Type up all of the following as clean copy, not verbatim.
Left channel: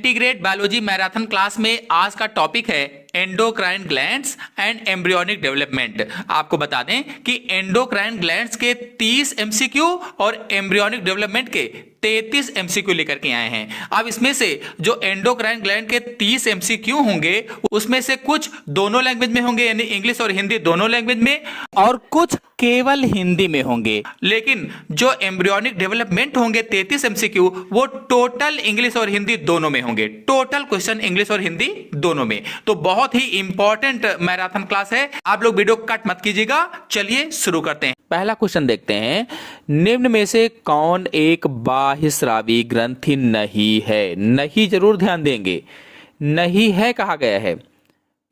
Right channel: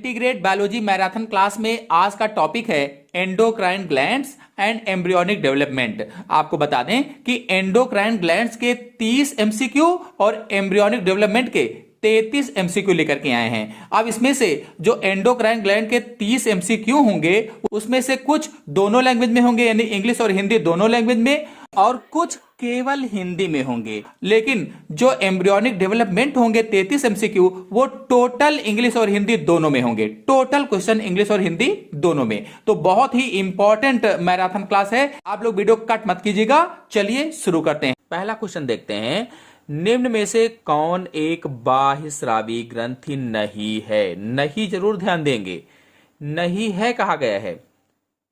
Integrate biology marathon class में आज का टॉपिक है endocrine glands and embryonic development. आपको बता दें कि एंडोक्राइन ग्लैंड्स के 30 एमसीक्यू और एम्ब्रियोनिक डेवलपमेंट के 33 एमसीक्यू लेकर के आए हैं। अब इसमें से जो एंडोक्राइन ग्लैंड के 30 एमसीक्यू होंगे उसमें से कुछ दोनों लैंग्वेज में होंगे, यानी इंग्लिश और हिंदी दोनों लैंग्वेज में, और कुछ केवल हिंदी में होंगे। लेकिन जो एम्ब्रियोनिक डेवलपमेंट होंगे 33 एमसीक्यू वो टोटल इंग्लिश और हिंदी दोनों में होंगे। टोटल क्वेश्चन इंग्लिश और हिंदी दोनों में। तो बहुत ही इंपॉर्टेंट मैराथन क्लास है, आप लोग वीडियो कट मत कीजिएगा। चलिए शुरू करते हैं। पहला क्वेश्चन देखते हैं, निम्न में से कौन एक बाह्यस्रावी ग्रंथि नहीं है? नहीं जरूर ध्यान देंगे, नहीं है कहा गया है।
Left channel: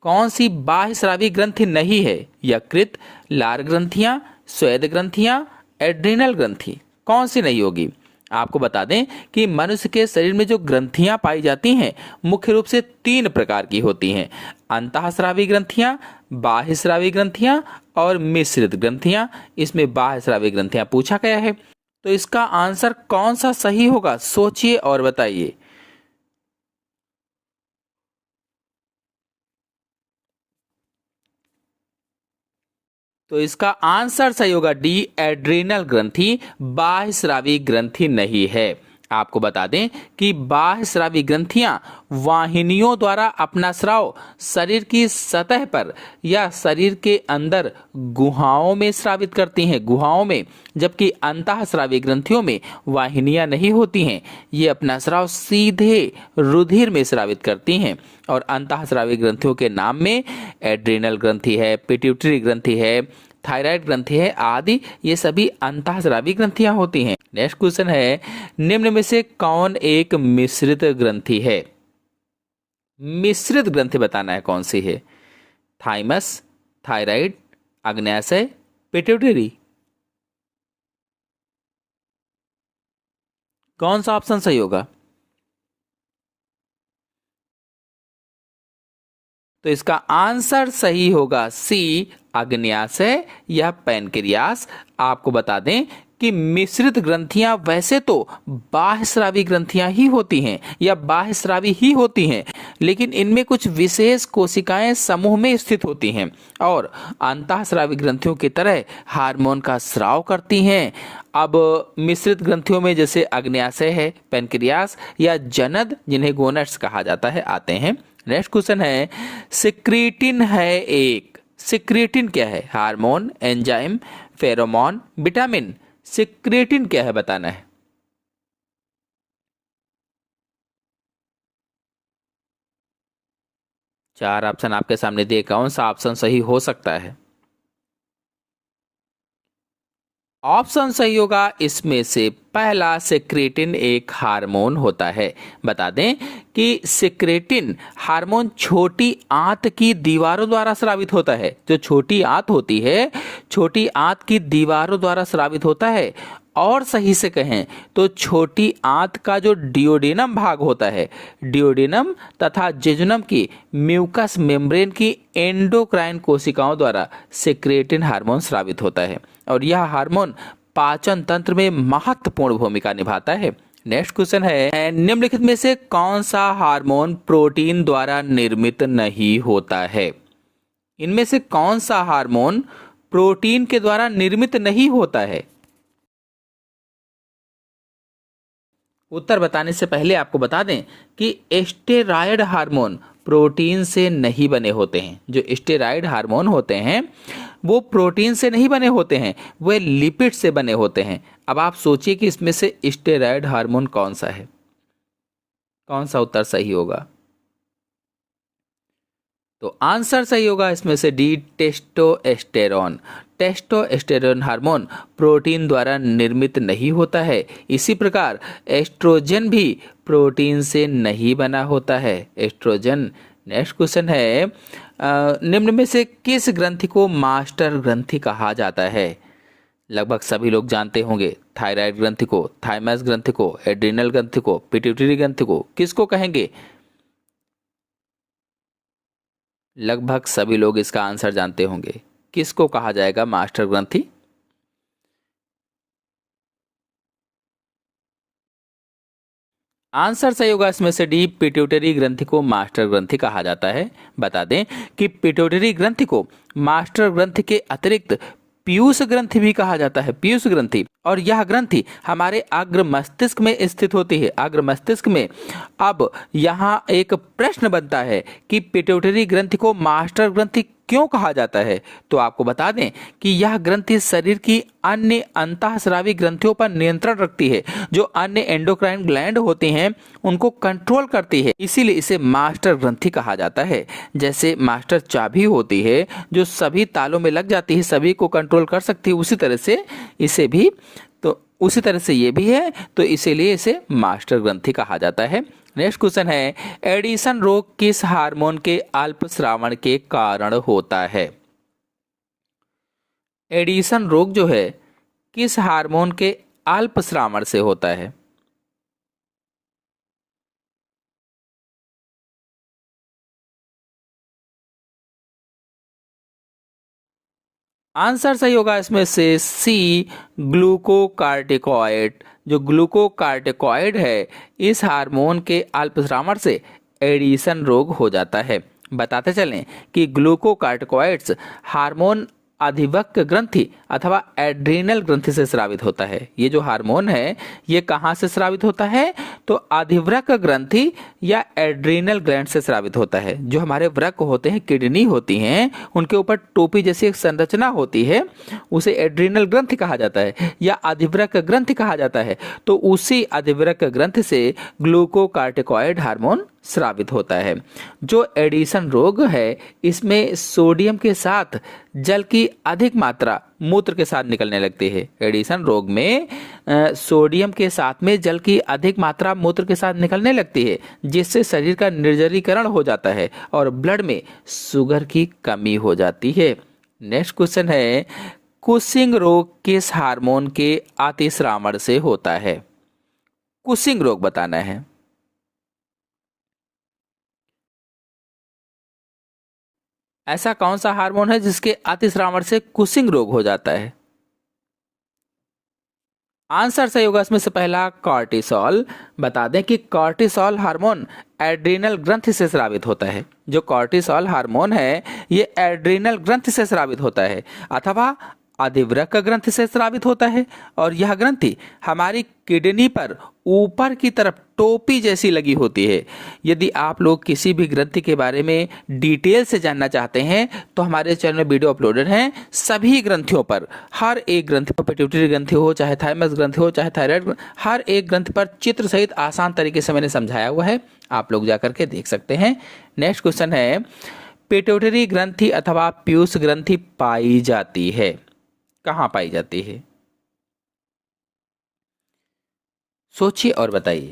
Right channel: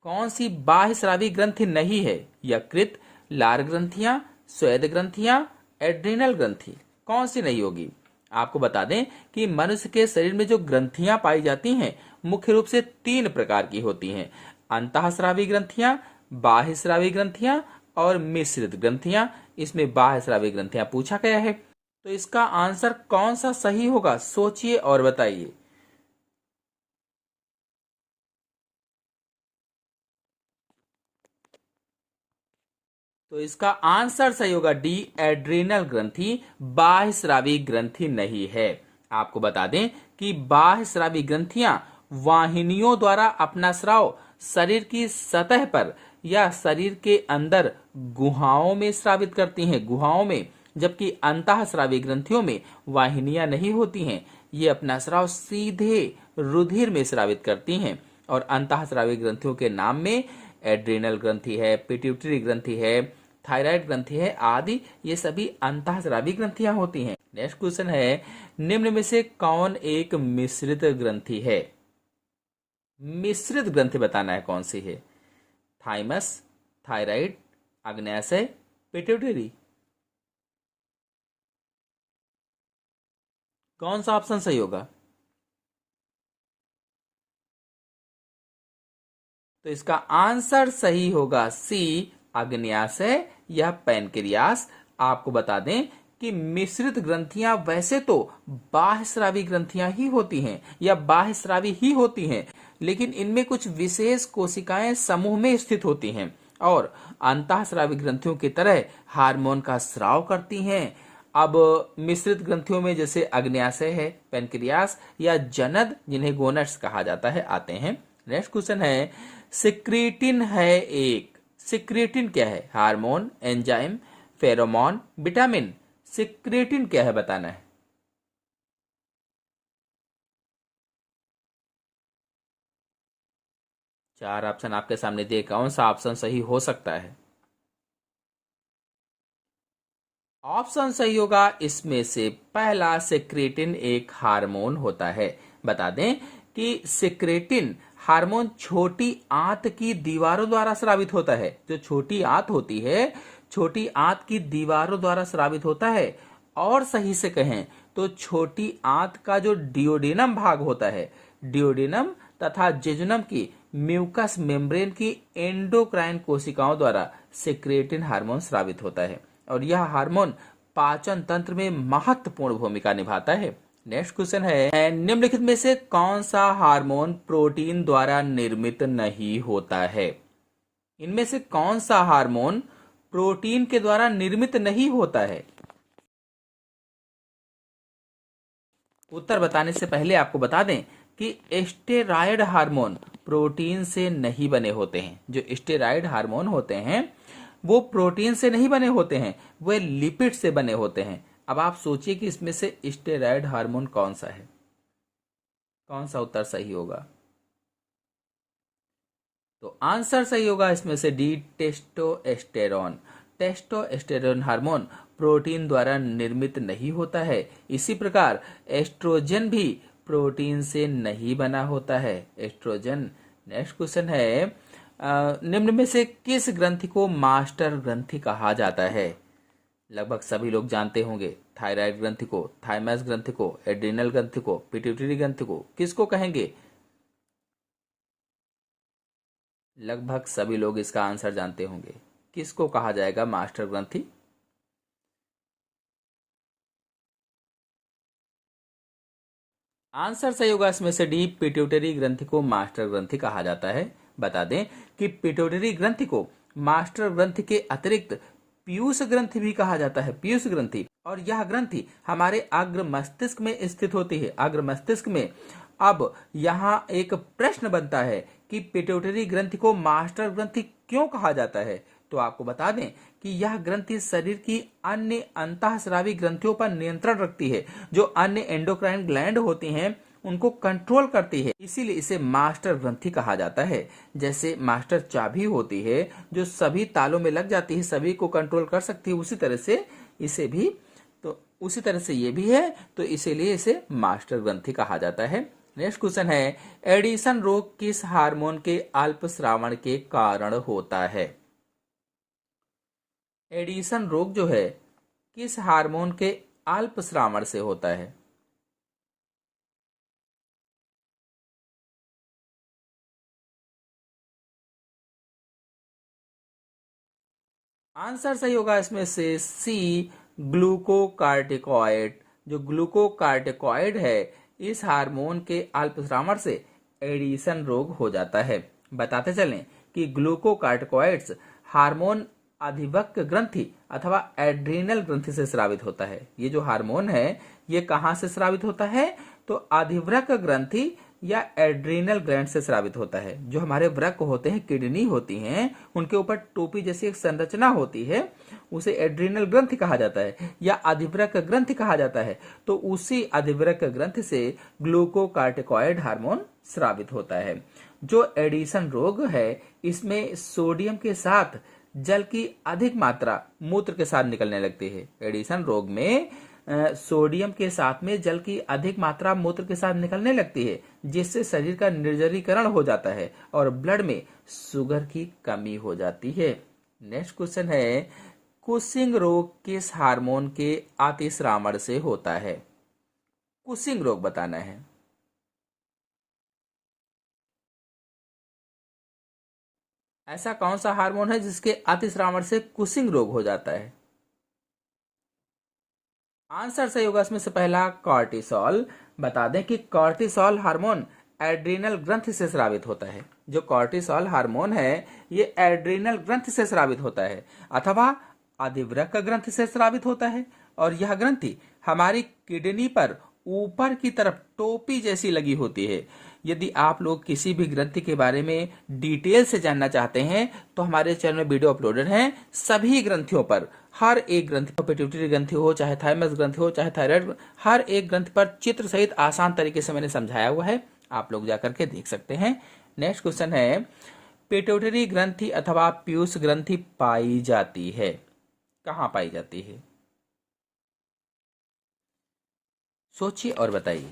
कौन सी बाह्यस्रावी ग्रंथि नहीं है? यकृत, लार ग्रंथियां, स्वेद ग्रंथियां, एड्रिनल ग्रंथि, कौन सी नहीं होगी? आपको बता दें कि मनुष्य के शरीर में जो ग्रंथियां पाई जाती हैं मुख्य रूप से 3 प्रकार की होती हैं, अंतःस्रावी ग्रंथियां, बाह्यस्रावी ग्रंथियां और मिश्रित ग्रंथियां। इसमें बाह्यस्रावी ग्रंथियां पूछा गया है, तो इसका आंसर कौन सा सही होगा? सोचिए और बताइए। तो इसका आंसर सही होगा डी, एड्रिनल ग्रंथि बाह्यस्रावी ग्रंथि नहीं है। आपको बता दें कि बाह्यस्रावी ग्रंथियां वाहिनियों द्वारा अपना स्राव शरीर की सतह पर या शरीर के अंदर गुहाओं में स्रावित करती हैं, गुहाओं में, जबकि अंतःस्रावी ग्रंथियों में वाहिनियां नहीं होती हैं। ये अपना स्राव सीधे रुधिर में स्रावित करती हैं। और अंतःस्रावी ग्रंथियों के नाम में एड्रिनल ग्रंथि है, पिट्यूटरी ग्रंथि है, थायराइड ग्रंथि है आदि, ये सभी अंतःस्रावी ग्रंथियां होती हैं। नेक्स्ट क्वेश्चन है, निम्न में से कौन एक मिश्रित ग्रंथि है? मिश्रित ग्रंथि बताना है कौन सी है। थाइमस, थायराइड, अग्न्याशय, पिट्यूटरी, कौन सा ऑप्शन सही होगा? तो इसका आंसर सही होगा सी, अग्न्याशय या पैनक्रियास। आपको बता दें कि मिश्रित ग्रंथियां वैसे तो बाह्यस्रावी ग्रंथियां ही होती हैं या बाह्यस्रावी ही होती हैं, लेकिन इनमें कुछ विशेष कोशिकाएं समूह में स्थित होती हैं और अंतःस्रावी ग्रंथियों की तरह हार्मोन का स्राव करती हैं। अब मिश्रित ग्रंथियों में जैसे अग्न्याशय है, पैनक्रियास या जनद, जिन्हें गोनेट्स कहा जाता है, आते हैं। नेक्स्ट क्वेश्चन है, सिक्रीटिन है एक, सिक्रीटिन क्या है? Hormone, enzyme, pheromone, vitamin, secretin क्या है बताना है। चार ऑप्शन आपके सामने दिए, कौन सा ऑप्शन सही हो सकता है? ऑप्शन सही होगा इसमें से पहला, सिक्रेटिन एक हार्मोन होता है। बता दें कि सिक्रेटिन हार्मोन छोटी आंत की दीवारों द्वारा स्रावित होता है। जो छोटी आंत होती है, छोटी आंत की दीवारों द्वारा स्रावित होता है। और सही से कहें तो छोटी आंत का जो डियोडेनम भाग होता है, डियोडेनम तथा जेजुनम की म्यूकस मेम्ब्रेन की एंडोक्राइन कोशिकाओं द्वारा सिक्रेटिन हार्मोन स्रावित होता है और यह हार्मोन पाचन तंत्र में महत्वपूर्ण भूमिका निभाता है। नेक्स्ट क्वेश्चन है, निम्नलिखित में से कौन सा हार्मोन प्रोटीन द्वारा निर्मित नहीं होता है? इनमें से कौन सा हार्मोन प्रोटीन के द्वारा निर्मित नहीं होता है? उत्तर बताने से पहले आपको बता दें कि स्टेरॉयड हार्मोन प्रोटीन से नहीं बने होते हैं। जो स्टेरॉयड हार्मोन होते हैं वो प्रोटीन से नहीं बने होते हैं, वे लिपिड से बने होते हैं। अब आप सोचिए कि इसमें से स्टेरॉयड हार्मोन कौन सा है, कौन सा उत्तर सही होगा? तो आंसर सही होगा इसमें से D, testosterone. Testosterone hormone protein द्वारा निर्मित नहीं होता है। इसी प्रकार एस्ट्रोजन भी प्रोटीन से नहीं बना होता है, एस्ट्रोजन। नेक्स्ट क्वेश्चन है, निम्न में से किस ग्रंथि को मास्टर ग्रंथि कहा जाता है? लगभग सभी लोग जानते होंगे, थायराइड ग्रंथि को, थाइमस ग्रंथि को, एड्रिनल ग्रंथि को, पिट्यूटरी ग्रंथि को, किसको कहेंगे? लगभग सभी लोग इसका आंसर जानते होंगे, किसको कहा जाएगा मास्टर ग्रंथि? आंसर सही होगा इसमें से डी, पिट्यूटरी ग्रंथि को मास्टर ग्रंथि कहा जाता है। बता दें कि पिट्यूटरी ग्रंथि को मास्टर ग्रंथि के अतिरिक्त पीयूष ग्रंथि भी कहा जाता है, पीयूष ग्रंथि। और यह ग्रंथि हमारे अग्र मस्तिष्क में स्थित होती है, अग्र मस्तिष्क में। अब यहाँ एक प्रश्न बनता है कि पिट्यूटरी ग्रंथि को मास्टर ग्रंथि क्यों कहा जाता है। तो आपको बता दें कि यह ग्रंथि शरीर की अन्य अंतःस्रावी ग्रंथियों पर नियंत्रण रखती है, जो अन्य एंडोक्राइन ग्लैंड होती हैं उनको कंट्रोल करती है, इसीलिए इसे मास्टर ग्रंथि कहा जाता है। जैसे मास्टर चाबी होती है जो सभी तालों में लग जाती है, सभी को कंट्रोल कर सकती है, उसी तरह से इसे भी, तो उसी तरह से ये भी है, तो इसीलिए इसे मास्टर ग्रंथि कहा जाता है। नेक्स्ट क्वेश्चन है, एडिशन रोग किस हार्मोन के अल्पस्रावन के कारण होता है। एडिशन रोग जो है किस हार्मोन के अल्पस्रावन से होता है। आंसर सही होगा इसमें से सी, ग्लूकोकार्टिकॉइड। जो ग्लूकोकार्टिकॉइड है इस हार्मोन के अल्पस्रावन से एडिशन रोग हो जाता है। बताते चलें कि ग्लूकोकार्टिकॉइड्स हार्मोन अधिवक्र ग्रंथि अथवा एड्रीनल ग्रंथि से स्रावित होता है। ये जो हार्मोन है ये कहाँ से स्रावित होता है, तो अधिवृक्क ग्रंथि या एड्रीनल ग्लैंड से स्रावित होता है। जो हमारे वृक्क होते हैं, किडनी होती हैं, उनके ऊपर टोपी जैसी एक संरचना होती है, उसे एड्रीनल ग्रंथि कहा जाता है या अधिवृक्क ग्रंथि कहा जाता है। तो उसी अधिवृक्क ग्रंथि से ग्लूकोकार्टिकॉइड हार्मोन स्रावित होता है। जो एडिशन रोग है इसमें सोडियम के साथ जल की अधिक मात्रा मूत्र के साथ निकलने लगती है। एडिशन रोग में सोडियम के साथ में जल की अधिक मात्रा मूत्र के साथ निकलने लगती है, जिससे शरीर का निर्जलीकरण हो जाता है और ब्लड में शुगर की कमी हो जाती है। नेक्स्ट क्वेश्चन है, कुशिंग रोग किस हार्मोन के अतिस्रावण से होता है। कुशिंग रोग बताना है। ऐसा कौन सा हार्मोन है जिसके अतिस्रावण से कुशिंग रोग हो जाता है। आंसर सही होगा इसमें से पहला, कॉर्टिसोल। बता दें कि कॉर्टिसोल हार्मोन एड्रीनल ग्रंथि से स्रावित होता है। जो कॉर्टिसोल हार्मोन है ये एड्रीनल ग्रंथि से स्रावित होता है अथवा अधिवृक्क ग्रंथि से स्रावित होता है। और यह ग्रंथि हमारी किडनी पर ऊपर की तरफ टोपी जैसी लगी होती है। यदि आप लोग किसी भी ग्रंथि के बारे में डिटेल से जानना चाहते हैं तो हमारे चैनल में वीडियो अपलोडेड हैं। सभी ग्रंथियों पर, हर एक ग्रंथि पर, पिट्यूटरी ग्रंथि हो चाहे थाइमस ग्रंथि हो चाहे थायराइड, हर एक ग्रंथि पर चित्र सहित आसान तरीके से मैंने समझाया हुआ है, आप लोग जाकर के देख सकते हैं। नेक्स्ट क्वेश्चन है, पिट्यूटरी ग्रंथि अथवा पीयूष ग्रंथि पाई जाती है, कहाँ पाई जाती है। सोचिए और बताइए।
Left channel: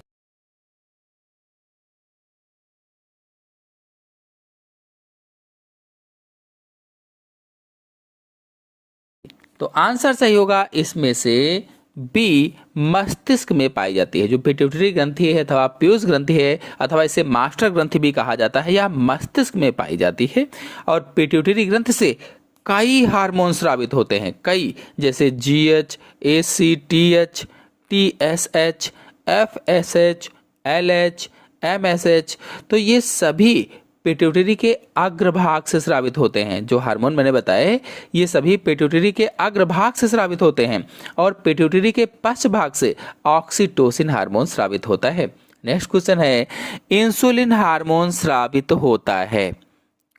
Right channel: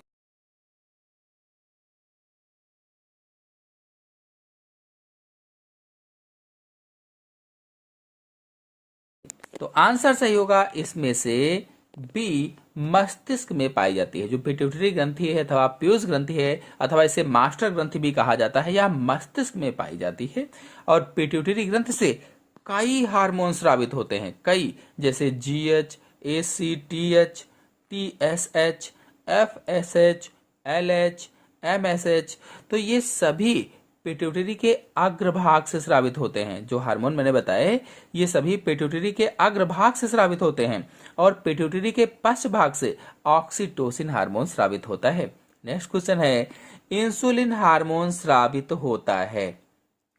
तो आंसर सही होगा इसमें से बी, मस्तिष्क में पाई जाती है। जो पिट्यूटरी ग्रंथि है अथवा पीयूष ग्रंथि है अथवा इसे मास्टर ग्रंथि भी कहा जाता है, यह मस्तिष्क में पाई जाती है। और पिट्यूटरी ग्रंथि से कई हार्मोन स्रावित होते हैं, कई, जैसे GH, ACTH, TSH, FSH, LH, MSH. तो ये सभी पिट्यूटरी के अग्रभाग से स्रावित होते हैं। जो हार्मोन मैंने बताए ये सभी पिट्यूटरी के अग्रभाग से स्रावित होते हैं और पिट्यूटरी के पश्च भाग से ऑक्सीटोसिन हार्मोन स्रावित होता है। नेक्स्ट क्वेश्चन है, इंसुलिन हार्मोन स्रावित होता है,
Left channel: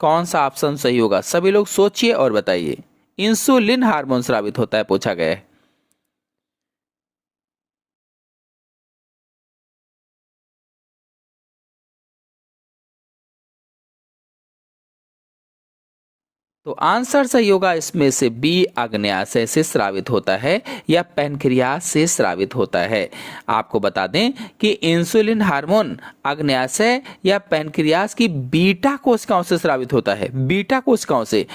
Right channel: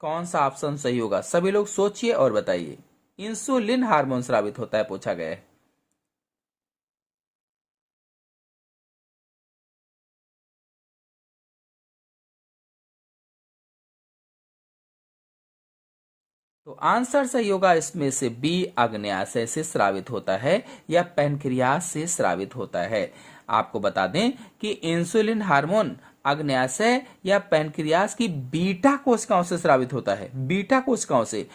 कौन सा ऑप्शन सही होगा। सभी लोग सोचिए और बताइए। इंसुलिन हार्मोन स्रावित होता है पूछा गया है। तो आंसर सही होगा इसमें से बी, अग्न्याशय से स्रावित होता है या पैनक्रियास से स्रावित होता है। आपको बता दें कि इंसुलिन हार्मोन अग्न्याशय या पैनक्रियास की बीटा कोशिकाओं से स्रावित होता है, बीटा कोशिकाओं से।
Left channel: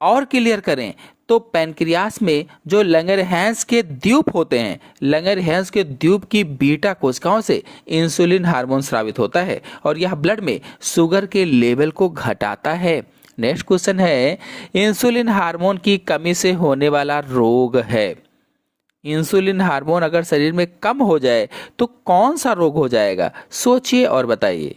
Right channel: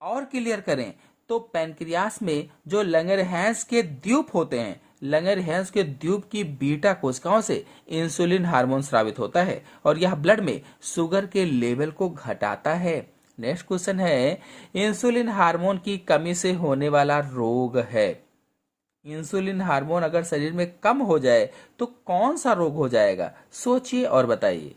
और क्लियर करें तो पैनक्रियास में जो लंगरहैंस के द्वीप होते हैं, लंगरहैंस के द्वीप की बीटा कोशिकाओं से इंसुलिन हार्मोन स्रावित होता है और यह ब्लड में शुगर के लेवल को घटाता है। नेक्स्ट क्वेश्चन है, इंसुलिन हार्मोन की कमी से होने वाला रोग है, इंसुलिन हार्मोन अगर शरीर में कम हो जाए तो कौन सा रोग हो जाएगा? सोचिए और बताइए।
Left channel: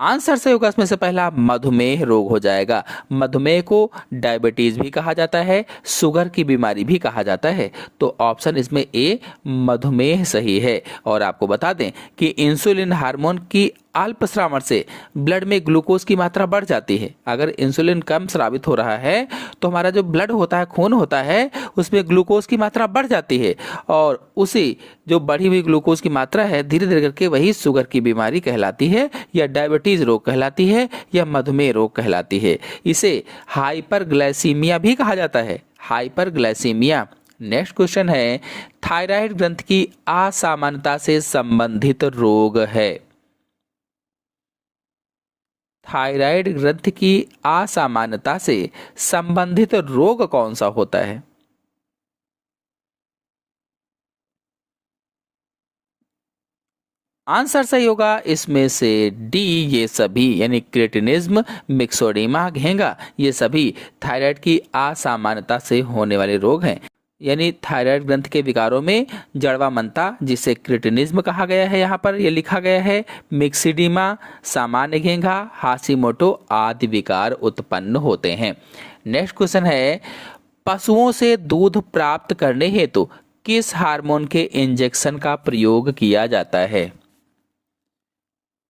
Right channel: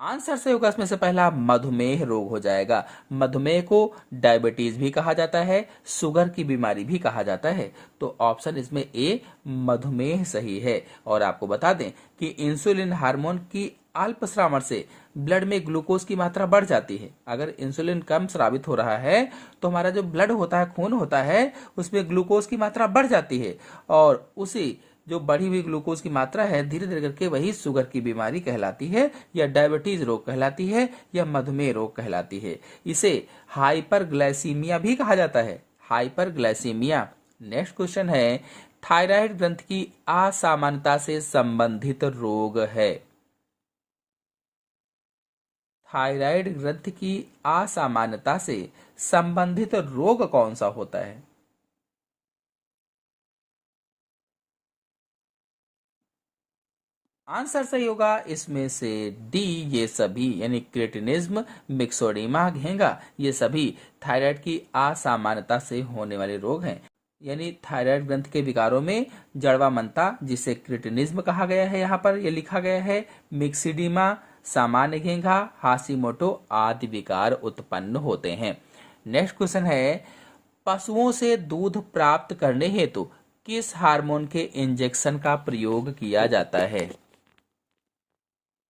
आंसर सही होगा इसमें से पहला, मधुमेह रोग हो जाएगा। मधुमेह को डायबिटीज भी कहा जाता है, शुगर की बीमारी भी कहा जाता है। तो ऑप्शन इसमें ए, मधुमेह सही है। और आपको बता दें कि इंसुलिन हार्मोन की अल्प श्रावण से ब्लड में ग्लूकोज की मात्रा बढ़ जाती है। अगर इंसुलिन कम स्रावित हो रहा है तो हमारा जो ब्लड होता है, खून होता है, उसमें ग्लूकोज की मात्रा बढ़ जाती है, और उसी जो बढ़ी हुई ग्लूकोज की मात्रा है धीरे धीरे करके वही शुगर की बीमारी कहलाती है, या डायबिटीज रोग कहलाती है, या मधुमेह रोग कहलाती है। इसे हाइपरग्लाइसीमिया भी कहा जाता है, हाइपरग्लाइसीमिया। नेक्स्ट क्वेश्चन है, थायराइड ग्रंथि की असामान्यता से संबंधित रोग है। थायराइड ग्रंथि की असामान्यता से संबंधित रोग कौन सा होता है? आंसर सही होगा इसमें से डी, ये सभी, यानी क्रेटिनिज्म, मिक्सोडीमा, घेंगा, ये सभी थायराइड की असामान्यता से होने वाले रोग हैं। यानी थायराइड ग्रंथ के विकारों में जड़वा मनता, जिसे क्रेटिनिज्म कहा गया है, यहाँ पर ये लिखा गया है, मिक्सिडीमा, सामान्य घेंघा, हाशिमोटो आदि विकार उत्पन्न होते हैं। नेक्स्ट क्वेश्चन है, पशुओं से दूध प्राप्त करने हेतु किस हार्मोन के इंजेक्शन का प्रयोग किया जाता है?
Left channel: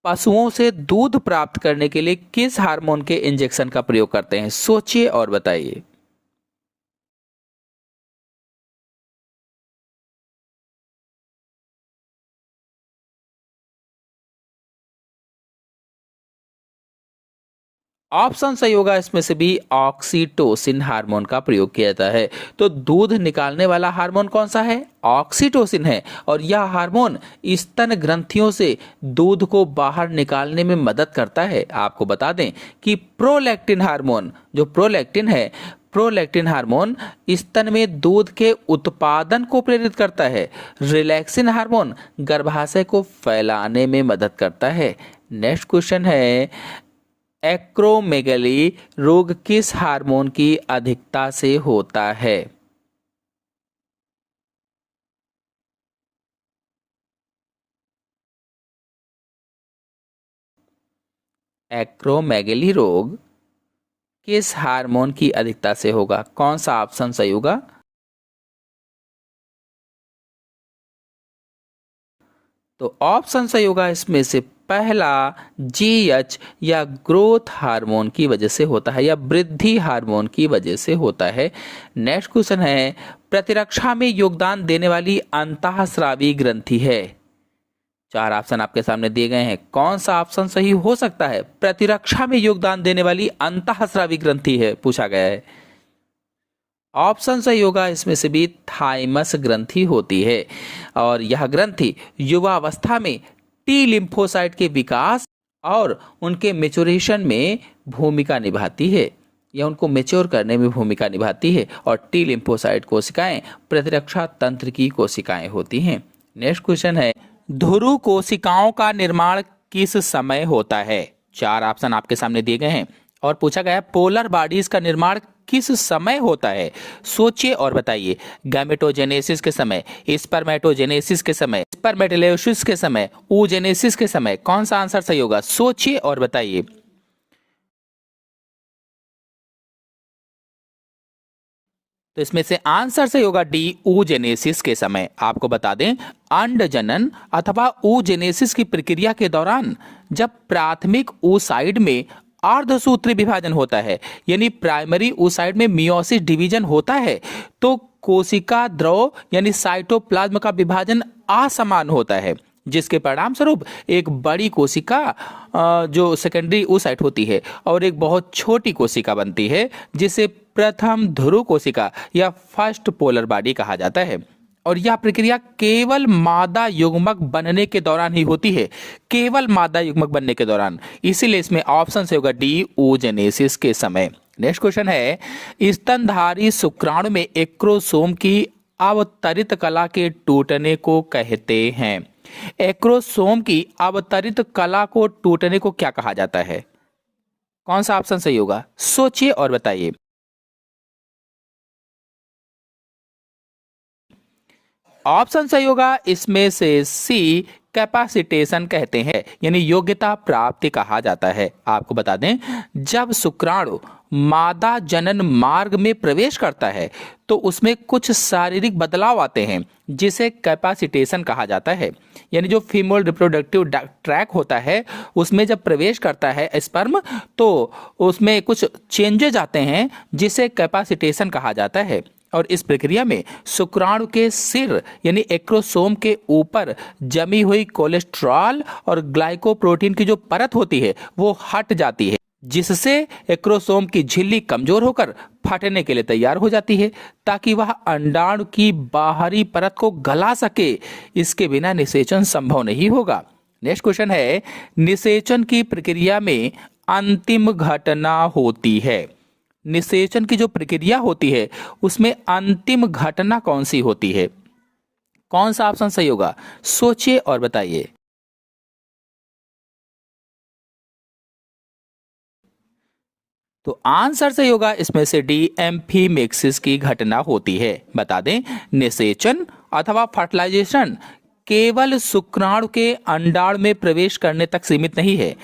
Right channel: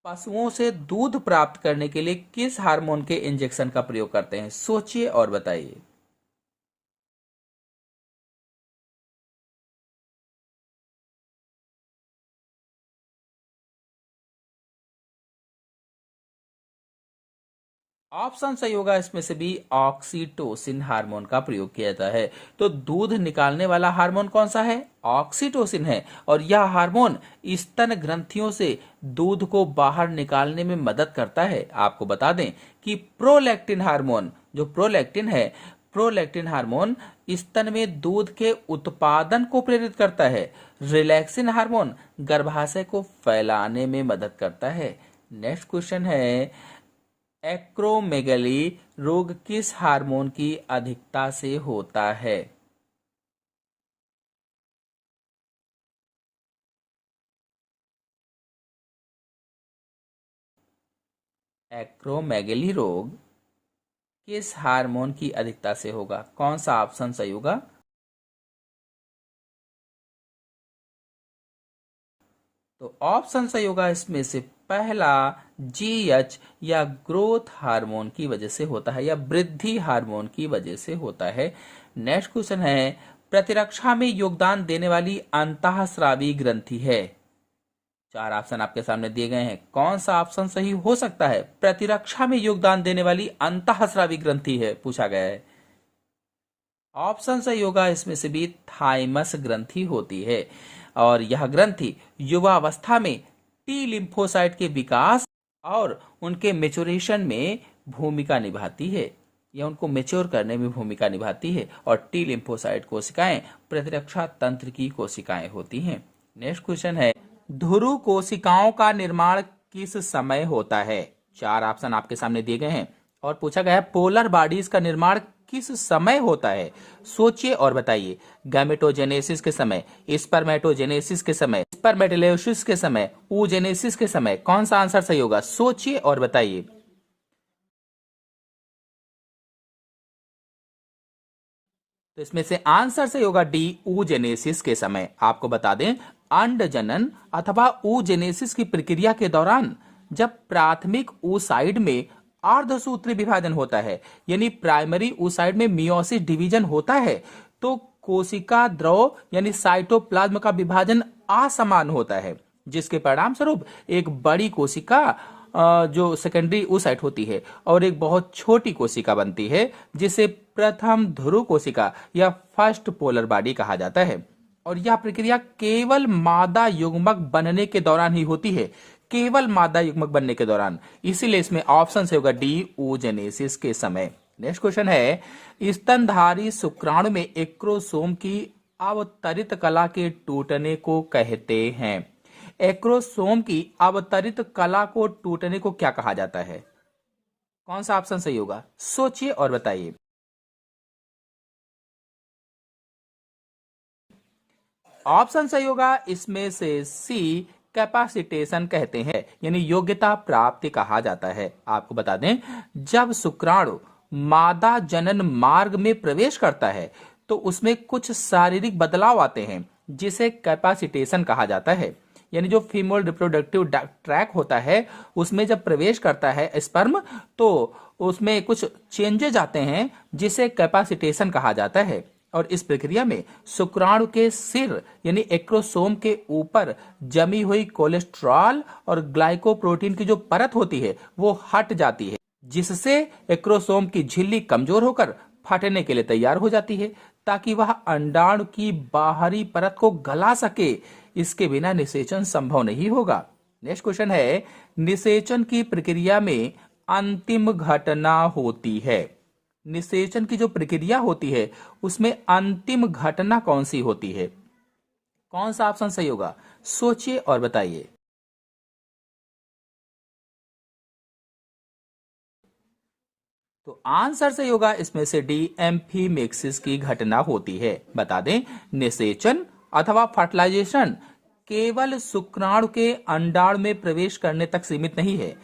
पशुओं से दूध प्राप्त करने के लिए किस हार्मोन के इंजेक्शन का प्रयोग करते हैं? सोचिए और बताइए। ऑप्शन सही होगा इसमें से भी, ऑक्सीटोसिन हार्मोन का प्रयोग किया जाता है। तो दूध निकालने वाला हार्मोन कौन सा है? ऑक्सीटोसिन है। और यह हार्मोन स्तन ग्रंथियों से दूध को बाहर निकालने में मदद करता है। आपको बता दें कि प्रोलैक्टिन हार्मोन, जो प्रोलैक्टिन है, प्रोलैक्टिन हार्मोन स्तन में दूध के उत्पादन को प्रेरित करता है। रिलैक्सिन हार्मोन गर्भाशय को फैलाने में मदद करता है। नेक्स्ट क्वेश्चन है, एक्रोमेगली रोग किस हार्मोन की अधिकता से होता है? एक्रोमेगली रोग किस हार्मोन की अधिकता से होगा? कौन सा ऑप्शन सही होगा? तो ऑप्शन सही होगा इसमें से पहला, जीएच, या ग्रोथ हार्मोन की वजह से होता है, या वृद्धि हार्मोन की वजह से होता है। नेक्स्ट क्वेश्चन है, प्रतिरक्षा में योगदान देने वाली अंतःस्रावी ग्रंथि है। चार ऑप्शन आपके सामने दिए गए हैं, कौन सा ऑप्शन सही हो सकता है? प्रतिरक्षा में योगदान देने वाली अंतःस्रावी ग्रंथि है, पूछा गया है। ऑप्शन सही होगा इसमें से भी, थाइमस ग्रंथि होती है। और यह ग्रंथि युवावस्था में टी लिम्फोसाइट के विकास और उनके मेचुरेशन में भूमिका निभाती है, या उनको मेच्योर करने में भूमिका निभाती है। और टी लिम्फोसाइट कोशिकाएं प्रतिरक्षा तंत्र की कोशिकाएं होती हैं। नेक्स्ट क्वेश्चन है, ध्रुव कोशिकाओं का निर्माण किस समय होता है? चार ऑप्शन आपके सामने दिए गए हैं और पूछा गया है पोलर बॉडीज का निर्माण किस समय होता है? सोचिए और बताइए। गैमेटोजेनेसिस के समय, स्पर्मेटोजेनेसिस के समय, स्पर्मेटोलाइसिस के समय, oogenesis के समय, कौन सा आंसर सही होगा? सोचिए और बताइए। तो इसमें से आंसर सही होगा डी, oogenesis के समय। आपको बता दें, अंड जनन अथवा oogenesis की प्रक्रिया के दौरान जब प्राथमिक oocyte में अर्धसूत्री विभाजन होता है, यानी प्राइमरी oocyte में मियोसिस डिवीजन होता है, तो कोशिका द्रव यानी साइटोप्लाज्म का विभाजन असमान होता है, जिसके परिणाम स्वरूप एक बड़ी कोशिका जो सेकेंडरी oocyte होती है और एक बहुत छोटी कोशिका बनती है, जिसे प्रथम ध्रुव कोशिका या फर्स्ट पोलर बॉडी कहा जाता है। और यह प्रक्रिया केवल मादा युग्मक बनने के दौरान ही होती है, केवल मादा युग्मक बनने के दौरान। इसीलिए इसमें ऑप्शन से होगा डी, oogenesis के समय। नेक्स्ट क्वेश्चन है, स्तनधारी शुक्राणु में एक्रोसोम की अवतरित कला के टूटने को कहते हैं। एक्रोसोम की अवतरित कला को टूटने को क्या कहा जाता है? कौन सा ऑप्शन सही होगा? सोचिए और बताइए। ऑप्शन सही होगा इसमें से सी, कैपेसिटेशन कहते हैं, यानी योग्यता प्राप्ति कहा जाता है। आपको बता दें, जब शुक्राणु मादा जनन मार्ग में प्रवेश करता है तो उसमें कुछ शारीरिक बदलाव आते हैं जिसे कैपेसिटेशन कहा जाता है। यानी जो फीमेल रिप्रोडक्टिव ट्रैक होता है उसमें जब प्रवेश करता है स्पर्म तो उसमें कुछ चेंजेज आते हैं जिसे कैपेसिटेशन कहा जाता है। और इस प्रक्रिया में शुक्राणु के सिर यानी एक्रोसोम के ऊपर जमी हुई कोलेस्ट्रॉल और ग्लाइकोप्रोटीन की जो परत होती है वो हट जाती है, जिससे एक्रोसोम की झिल्ली कमजोर होकर फटने के लिए तैयार हो जाती है ताकि वह अंडाणु की बाहरी परत को गला सके। इसके बिना निषेचन संभव नहीं होगा। नेक्स्ट क्वेश्चन है, निषेचन की प्रक्रिया में अंतिम घटना होती है। निषेचन की जो प्रक्रिया होती है उसमें अंतिम घटना कौन सी होती है? कौन सा ऑप्शन सही होगा? सोचिए और बताइए। तो आंसर सही होगा इसमें से डी, एम्फीमेक्सिस की घटना होती है। बता दें, निषेचन अथवा फर्टिलाइजेशन केवल शुक्राणु के अंडाणु में प्रवेश करने तक सीमित नहीं है।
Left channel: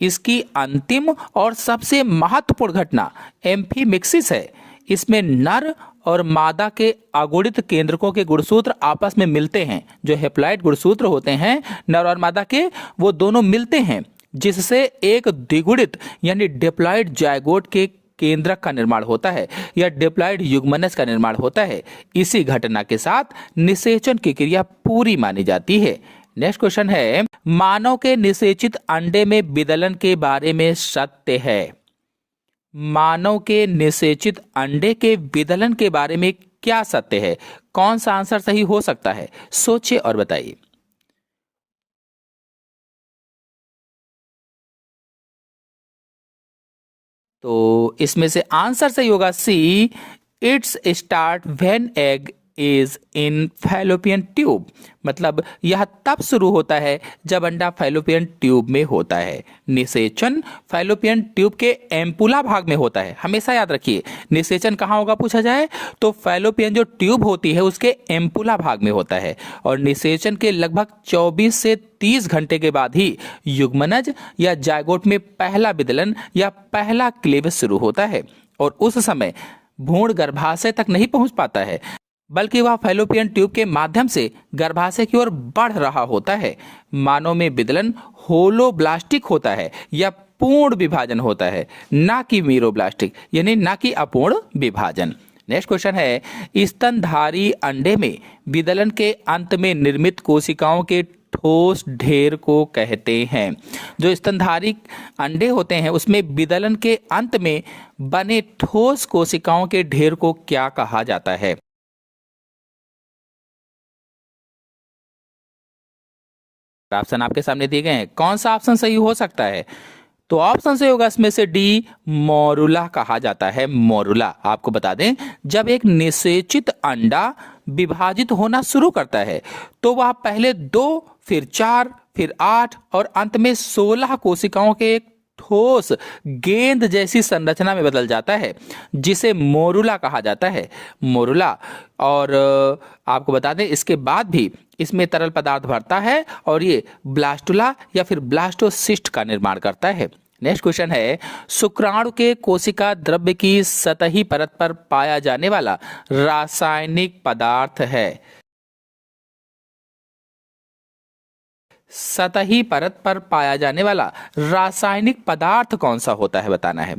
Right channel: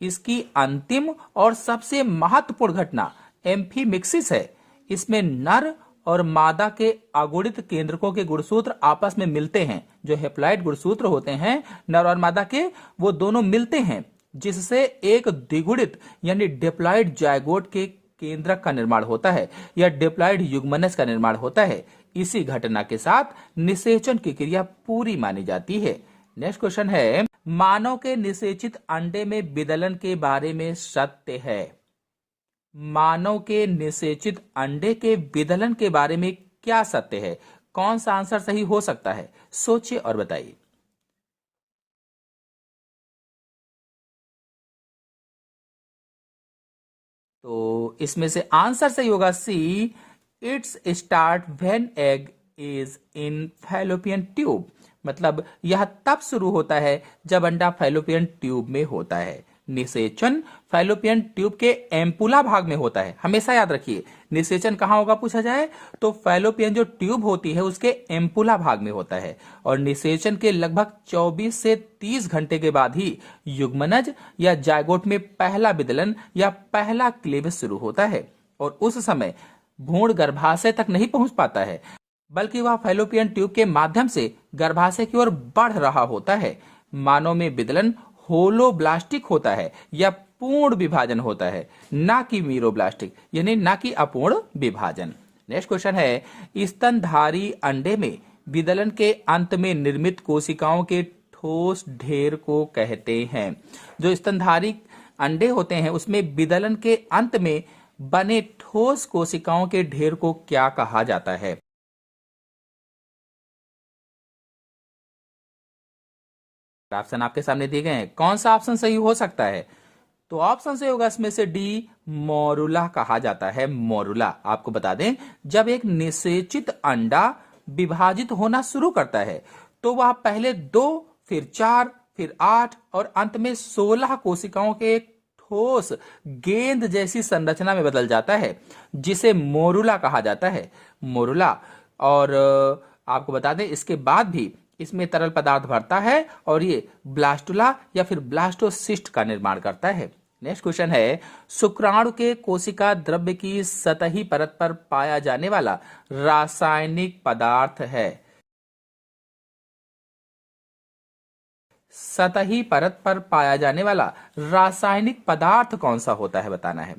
इसकी अंतिम और सबसे महत्वपूर्ण घटना एम्फीमेक्सिस है। इसमें नर और मादा के अगुणित केंद्रकों के गुणसूत्र आपस में मिलते हैं। जो हेप्लॉइड गुणसूत्र होते हैं नर और मादा के, वो दोनों मिलते हैं, जिससे एक द्विगुणित यानी डिप्लॉइड जायगोट के केंद्रक का निर्माण होता है या डिप्लॉइड युग्मनज का निर्माण होता है। इसी घटना के साथ निषेचन की क्रिया पूरी मानी जाती है। नेक्स्ट क्वेश्चन है, मानव के निषेचित अंडे में विदलन के बारे में सत्य है। मानव के निषेचित अंडे के विदलन के बारे में क्या सत्य है? कौन सा आंसर सही हो सकता है? सोचिए और बताइए। तो इसमें से आंसर सही होगा C, it's start when egg is in fallopian tube. मतलब यह तब शुरू होता है जब अंडा फैलोपियन ट्यूब में होता है। निषेचन फैलोपियन ट्यूब के एम्पुला भाग में होता है। हमेशा याद रखिए, निषेचन कहाँ होगा पूछा जाए तो फैलोपियन जो ट्यूब होती है उसके एम्पुला भाग में होता है। और निषेचन के लगभग 24 से 30 घंटे के बाद ही युग्मनज या जायगोट में पहला विदलन या पहला क्लीवेज शुरू होता है। और उस समय भ्रूण गर्भाशय तक नहीं पहुंच पाता है, बल्कि वह फैलोपियन ट्यूब के माध्यम से गर्भाशय की ओर बढ़ रहा होता है। मानव में विदलन होलोब्लास्टिक होता है या पूर्ण विभाजन होता है, ना कि मीरोब्लास्टिक यानी ना कि अपूर्ण विभाजन। नेक्स्ट क्वेश्चन है, स्तनधारी अंडे में विदलन के अंत में निर्मित कोशिकाओं के ठोस ढेर को कहते हैं। जो स्तनधारी अंडे होते हैं उसमें विदलन के अंत में बने ठोस कोशिकाओं के ढेर को क्या कहा जाता है? ऑप्शन आपके सामने दिए गए हैं, कौन सा ऑप्शन सही हो सकता है? तो ऑप्शन सही होगा इसमें से डी, मोरुला कहा जाता है। मोरुला। आपको बता दें, जब एक निषेचित अंडा विभाजित होना शुरू करता है तो वह पहले 2, फिर 4, फिर 8 और अंत में 16 कोशिकाओं के एक ठोस गेंद जैसी संरचना में बदल जाता है, जिसे मोरुला कहा जाता है। मोरुला। और आपको बता दें, इसके बाद भी इसमें तरल पदार्थ भरता है और ये ब्लास्टुला या फिर ब्लास्टोसिस्ट का निर्माण करता है। नेक्स्ट क्वेश्चन है, शुक्राणु के कोशिका द्रव्य की सतही परत पर पाया जाने वाला रासायनिक पदार्थ है। सतही परत पर पाया जाने वाला रासायनिक पदार्थ कौन सा होता है, बताना है।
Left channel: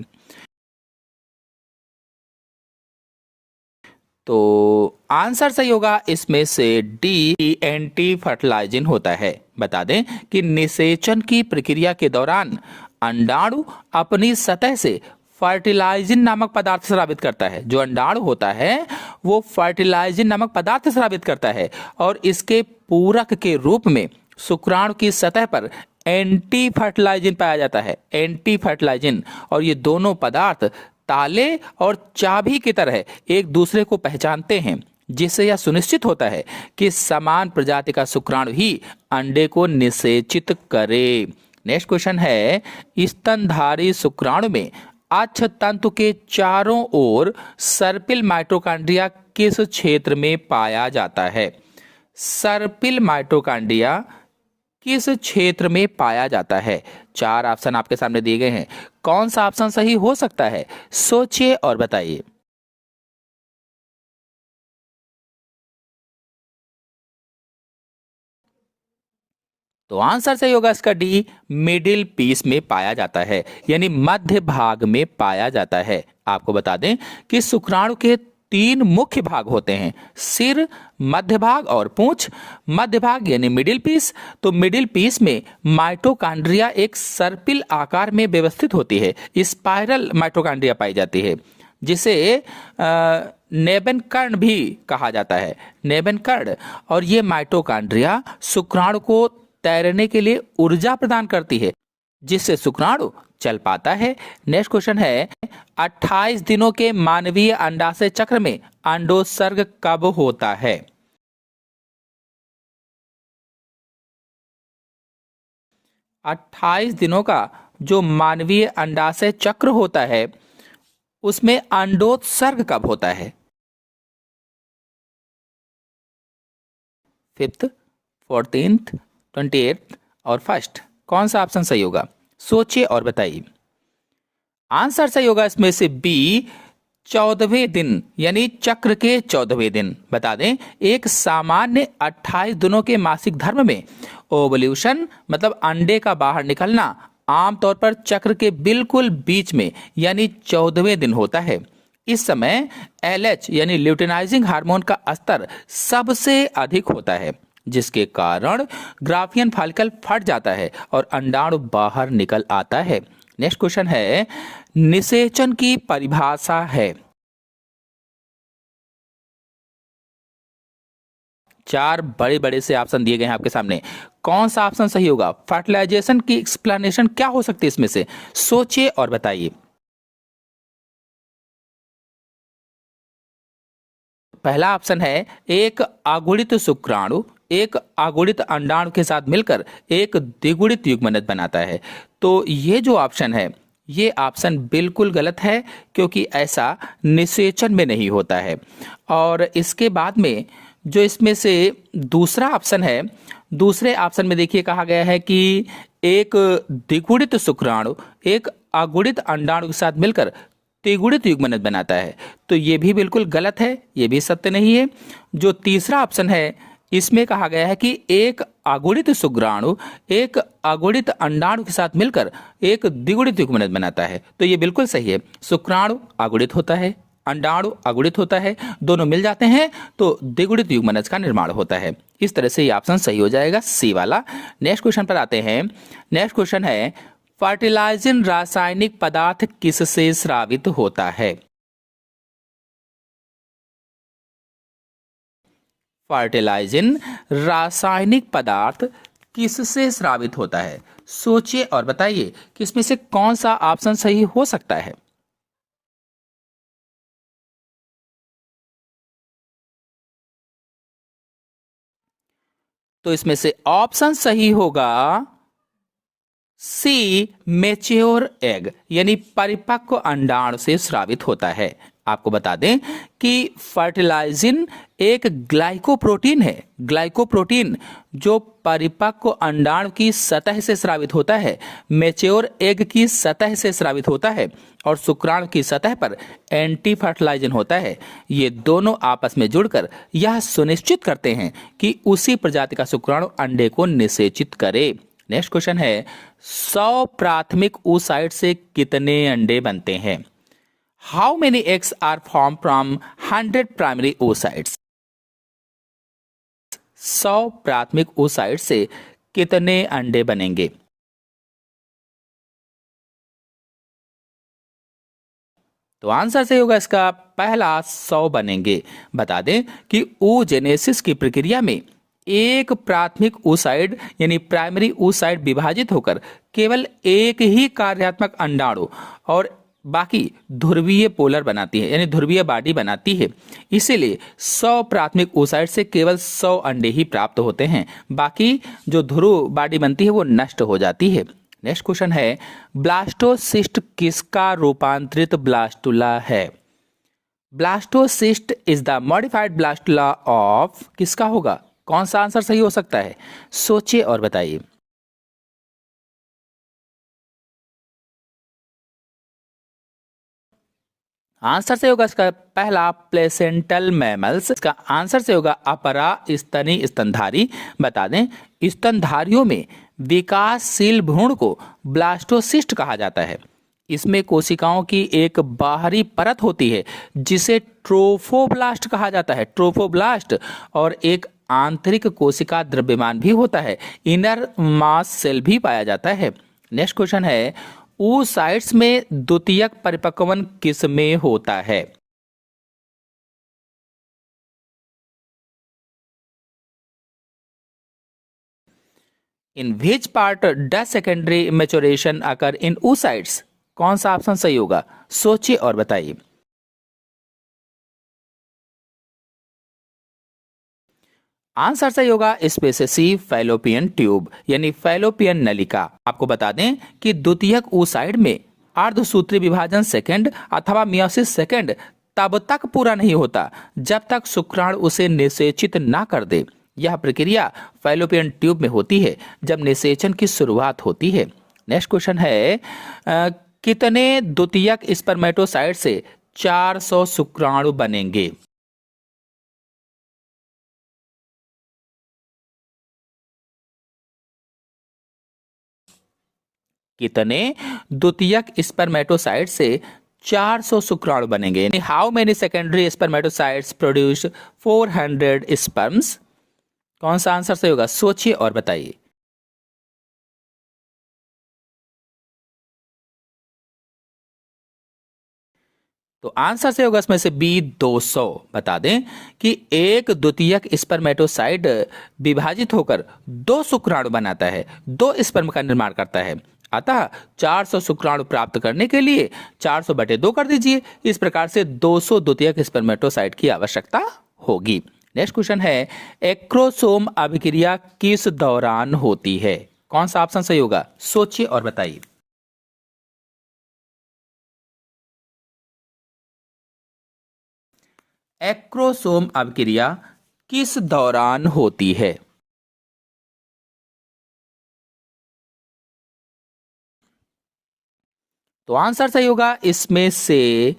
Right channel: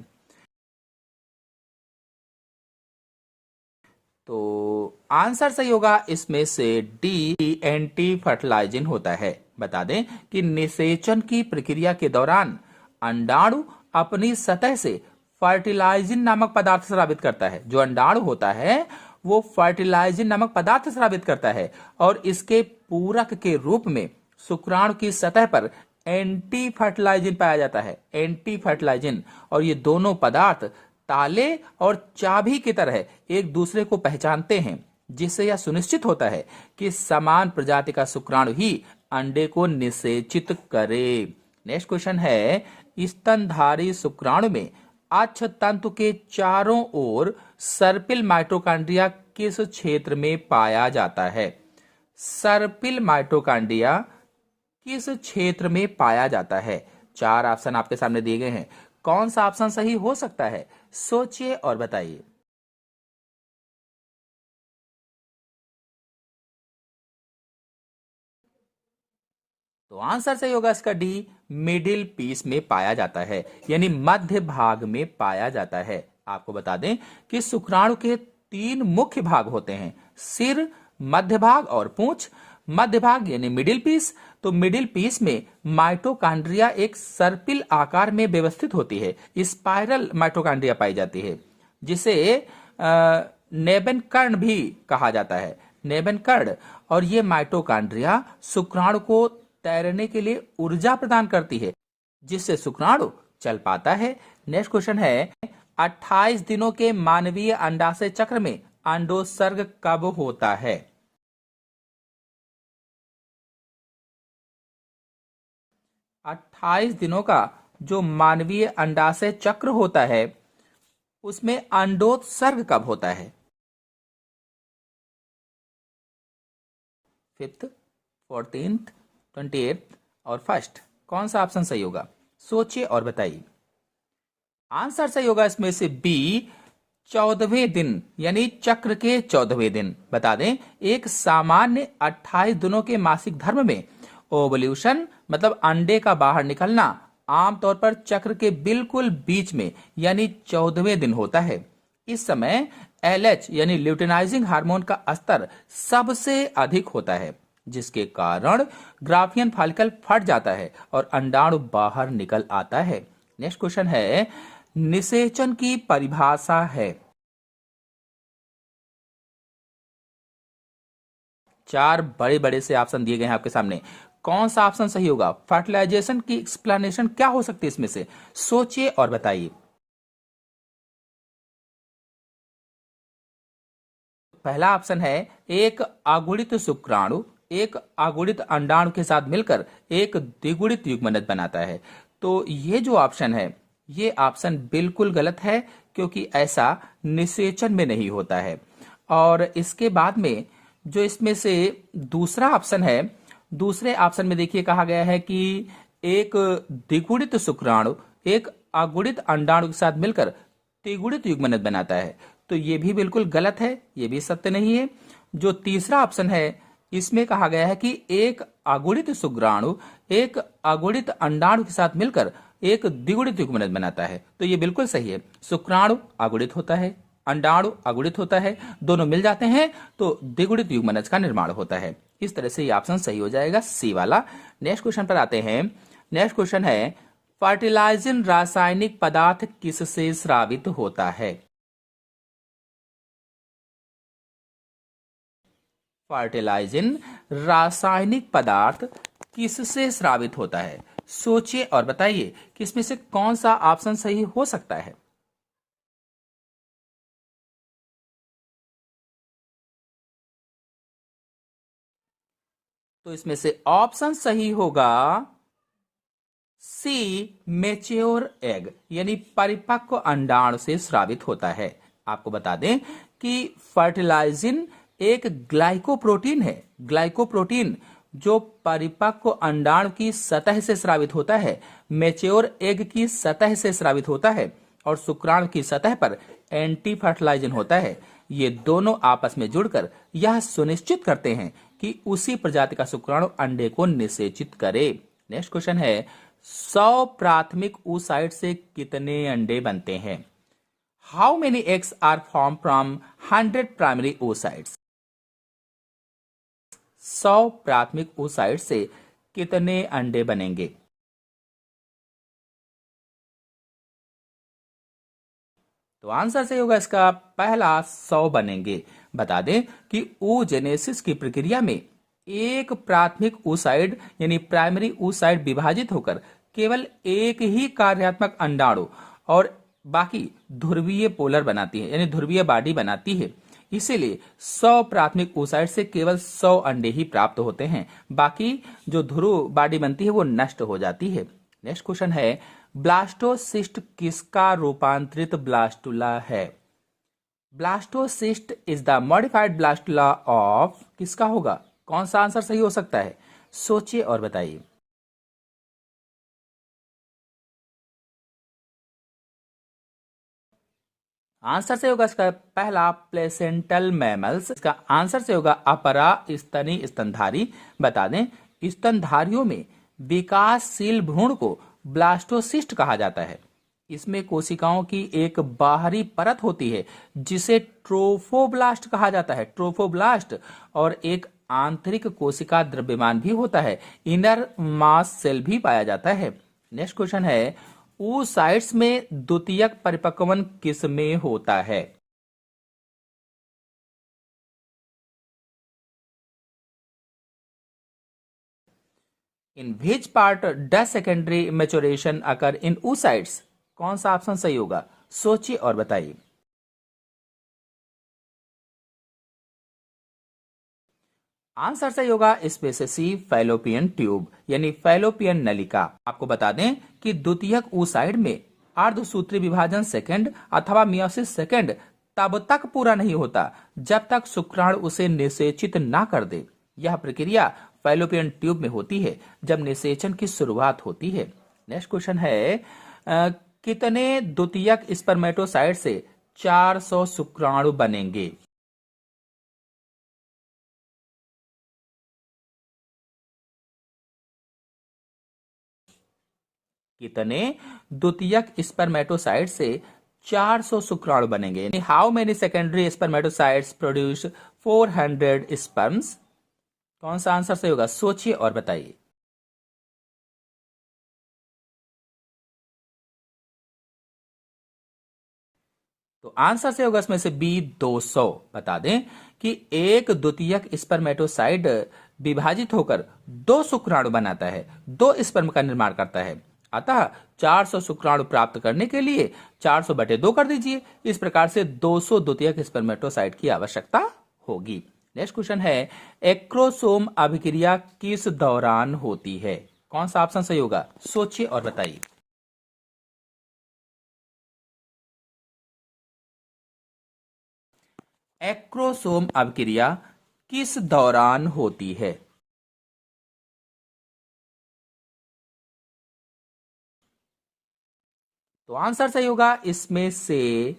तो आंसर सही होगा इसमें से डी, एंटी फर्टिलाइजिन होता है। बता दें कि निषेचन की प्रक्रिया के दौरान अंडाणु अपनी सतह से फर्टिलाइजिन नामक पदार्थ स्रावित करता है। जो अंडाणु होता है वो फर्टिलाइजिन नामक पदार्थ स्रावित करता है और इसके पूरक के रूप में शुक्राणु की सतह पर एंटी फर्टिलाइजिन पाया जाता है। Anti fertilizin. और ये दोनों पदार्थ ताले और चाबी की तरह एक दूसरे को पहचानते हैं। जिससे यह सुनिश्चित होता है कि समान प्रजाति का शुक्राणु ही अंडे को निषेचित करे। नेक्स्ट क्वेश्चन है, स्तनधारी शुक्राणु में अक्ष तंतु के चारों ओर सर्पिल माइटोकॉन्ड्रिया किस क्षेत्र में पाया जाता है? सर्पिल माइटोकॉन्ड्रिया किस क्षेत्र में पाया जाता है? 4 ऑप्शन आपके सामने दिए गए हैं, कौन सा ऑप्शन सही हो सकता है? सोचिए और बताइए। तो आंसर सही होगा इसका डी, मिडिल पीस में पाया जाता है, यानी मध्य भाग में पाया जाता है। आपको बता दें कि शुक्राणु के 3 मुख्य भाग होते हैं, सिर, मध्य भाग और पूंछ। मध्य भाग यानी मिडिल पीस, तो मिडिल पीस में माइटोकॉन्ड्रिया एक सर्पिल आकार में व्यवस्थित होती है, स्पाइरल माइटोकॉन्ड्रिया पाई जाती है, जिसे नेबन कर्ण भी कहा जाता है, नेबन कर्ण। और ये माइटोकॉन्ड्रिया शुक्राणु को तैरने के लिए ऊर्जा प्रदान करती है, जिससे शुक्राणु चल पाता है। नेक्स्ट क्वेश्चन है, 28 दिनों के मानवीय अंडाशय चक्र में अंडोत्सर्ग कब होता है? अट्ठाईस दिनों का जो मानवीय अंडाशय चक्र होता है उसमें अंडोत्सर्ग कब होता है? 5th, 14th, 28th और 1st, कौन सा ऑप्शन सही होगा? सोचिए और बताइए। आंसर सही होगा इसमें से बी, 14वें दिन, यानी चक्र के 14वें दिन। बता दें, एक सामान्य 28 दिनों के मासिक धर्म में ओवल्यूशन मतलब अंडे का बाहर निकलना आमतौर पर चक्र के बिल्कुल बीच में यानी 14वें दिन होता है। इस समय LH यानी ल्यूटेनाइजिंग हार्मोन का स्तर सबसे अधिक होता है, जिसके कारण ग्राफियन फॉलिकल फट जाता है और अंडाणु बाहर निकल आता है। नेक्स्ट क्वेश्चन है, निषेचन की परिभाषा है। 4 बड़े बड़े से ऑप्शन दिए गए हैं आपके सामने, कौन सा ऑप्शन सही होगा? फर्टिलाइजेशन की एक्सप्लेनेशन क्या हो सकती है इसमें से? सोचिए और बताइए। पहला ऑप्शन है, एक अगुणित शुक्राणु एक अगुणित अंडाणु के साथ मिलकर एक द्विगुणित युग्मनज बनाता है। तो ये जो ऑप्शन है ये ऑप्शन बिल्कुल गलत है, क्योंकि ऐसा निषेचन में नहीं होता है। और इसके बाद में जो इसमें से दूसरा ऑप्शन है, दूसरे ऑप्शन में देखिए कहा गया है कि एक द्विगुणित शुक्राणु एक अगुणित अंडाणु के साथ मिलकर त्रिगुणित युग्मनज बनाता है। तो ये भी बिल्कुल गलत है, ये भी सत्य नहीं है। जो तीसरा ऑप्शन है इसमें कहा गया है कि एक अगुणित शुक्राणु एक अगुणित अंडाणु के साथ मिलकर एक द्विगुणित युग्मनज बनाता है। तो ये बिल्कुल सही है। शुक्राणु अगुणित होता है, अंडाणु अगुणित होता है, दोनों मिल जाते हैं तो द्विगुणित युग्मनज का निर्माण होता है। इस तरह से ये ऑप्शन सही हो जाएगा, सी वाला। नेक्स्ट क्वेश्चन पर आते हैं। नेक्स्ट क्वेश्चन है, फर्टिलाइजिंग रासायनिक पदार्थ किससे स्रावित होता है? फर्टिलाइजिंग रासायनिक पदार्थ किससे स्रावित होता है? सोचिए और बताइए कि इसमें से कौन सा ऑप्शन सही हो सकता है। तो इसमें से ऑप्शन सही होगा सी, मैच्योर एग, यानी परिपक्व अंडाणु से स्रावित होता है। आपको बता दें कि फर्टिलाइजिन एक ग्लाइकोप्रोटीन है, ग्लाइकोप्रोटीन जो परिपक्व अंडाणु की सतह से स्रावित होता है, मैच्योर एग की सतह से स्रावित होता है और शुक्राणु की सतह पर एंटी फर्टिलाइजिन होता है। ये दोनों आपस में जुड़कर यह सुनिश्चित करते हैं कि उसी प्रजाति का शुक्राणु अंडे को निषेचित करे। नेक्स्ट क्वेश्चन है, 100 प्राथमिक oocyte से कितने अंडे बनते हैं? How many eggs are form from 100 primary oocytes? 100 प्राथमिक oocyte से कितने अंडे बनेंगे? तो आंसर सही होगा इसका पहला, 100 बनेंगे। बता दें कि oogenesis की प्रक्रिया में एक प्राथमिक oocyte यानी प्राइमरी oocyte विभाजित होकर केवल एक ही कार्यात्मक अंडाणु और बाकी ध्रुवीय पोलर बनाती है, यानी ध्रुवीय बॉडी बनाती है। इसीलिए 100 प्राथमिक oocyte से केवल 100 अंडे ही प्राप्त होते हैं, बाकी जो ध्रुव बॉडी बनती है वो नष्ट हो जाती है। नेक्स्ट क्वेश्चन है, ब्लास्टोसिस्ट किसका रूपांतरित ब्लास्टुला है? Blastocyst is the modified blastula of, किसका होगा? कौन सा आंसर सही हो सकता है? सोचिए और बताइए। आंसर से होगा इसका पहला प्लेसेंटल मैमल्स, इसका आंसर से होगा अपरा स्तनी स्तनधारी। बता दें, स्तनधारियों में विकासशील भ्रूण को ब्लास्टोसिस्ट कहा जाता है। इसमें कोशिकाओं की एक बाहरी परत होती है जिसे ट्रोफोब्लास्ट कहा जाता है, ट्रोफोब्लास्ट, और एक आंतरिक कोशिका द्रव्यमान भी होता है, इनर मास सेल भी पाया जाता है। नेक्स्ट क्वेश्चन है, oocytes में द्वितीयक परिपक्वन किस में होता है? In which part does secondary maturation occur in oocytes? कौन सा ऑप्शन सही होगा? सोचिए और बताइए। आंसर सही होगा इसमें से सी, फैलोपियन ट्यूब, यानी फैलोपियन नलिका। आपको बता दें कि द्वितीयक oocyte में अर्धसूत्री विभाजन सेकंड अथवा मियोसिस सेकंड तब तक पूरा नहीं होता जब तक शुक्राणु उसे निषेचित ना कर दे। यह प्रक्रिया फैलोपियन ट्यूब में होती है जब निषेचन की शुरुआत होती है। नेक्स्ट क्वेश्चन है, कितने द्वितीयक स्पर्मेटोसाइट से 400 शुक्राणु बनेंगे? कितने द्वितीयक स्पर्मेटोसाइट से 400 शुक्राणु बनेंगे? How many secondary spermatocytes produce 400 sperms? कौन सा आंसर सही होगा? सोचिए और बताइए। तो आंसर से होगा इसमें से बी, 200। बता दें कि एक द्वितीयक स्पर्मेटोसाइट विभाजित होकर 2 शुक्राणु बनाता है, 2 स्पर्म का निर्माण करता है। अतः 400 शुक्राणु प्राप्त करने के लिए 400 बटे 2 कर दीजिए। इस प्रकार से 200 द्वितीयक स्पर्मेटोसाइट की आवश्यकता होगी। नेक्स्ट क्वेश्चन है, एक्रोसोम अभिक्रिया किस दौरान होती है? कौन सा ऑप्शन सही होगा? सोचिए और बताइए। एक्रोसोम अभिक्रिया किस दौरान होती है? तो आंसर सही होगा इसमें से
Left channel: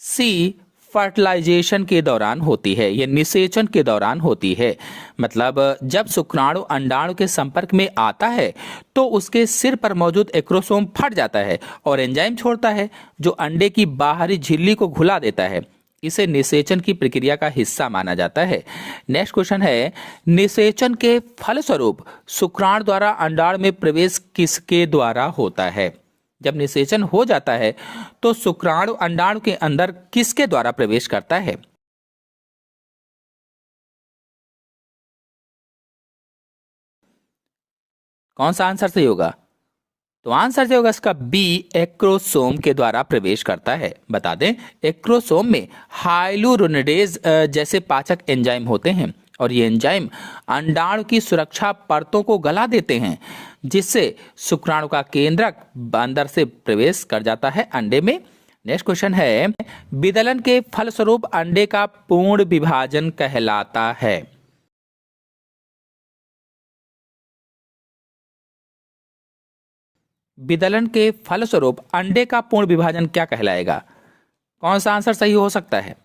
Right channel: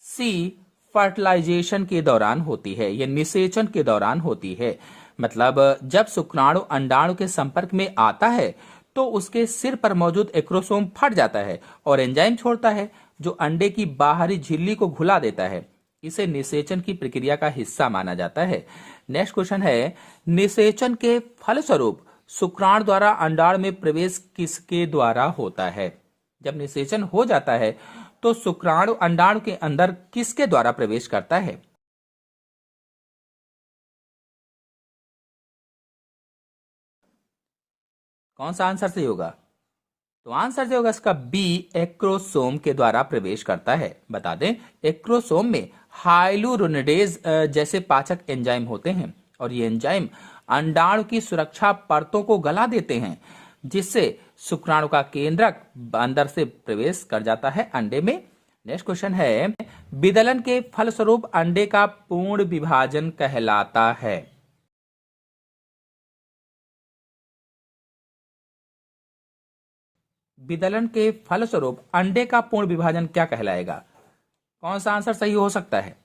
सी, फर्टिलाइजेशन के दौरान होती है, यह निषेचन के दौरान होती है। मतलब जब शुक्राणु अंडाणु के संपर्क में आता है तो उसके सिर पर मौजूद एक्रोसोम फट जाता है और एंजाइम छोड़ता है जो अंडे की बाहरी झिल्ली को घुला देता है। इसे निषेचन की प्रक्रिया का हिस्सा माना जाता है। नेक्स्ट क्वेश्चन है, निषेचन के फलस्वरूप शुक्राणु द्वारा अंडाणु में प्रवेश किसके द्वारा होता है? जब निषेचन हो जाता है तो शुक्राणु अंडाणु के अंदर किसके द्वारा प्रवेश करता है? कौन सा आंसर सही होगा? तो आंसर जो होगा इसका बी, एक्रोसोम के द्वारा प्रवेश करता है। बता दें, एक्रोसोम में हाइलुरोनिडेज जैसे पाचक एंजाइम होते हैं और ये एंजाइम अंडाणु की सुरक्षा परतों को गला देते हैं जिससे शुक्राणु का केंद्रक अंदर से प्रवेश कर जाता है अंडे में। नेक्स्ट क्वेश्चन है, विदलन के फलस्वरूप अंडे का पूर्ण विभाजन कहलाता है। विदलन के फलस्वरूप अंडे का पूर्ण विभाजन क्या कहलाएगा? कौन सा आंसर सही हो सकता है?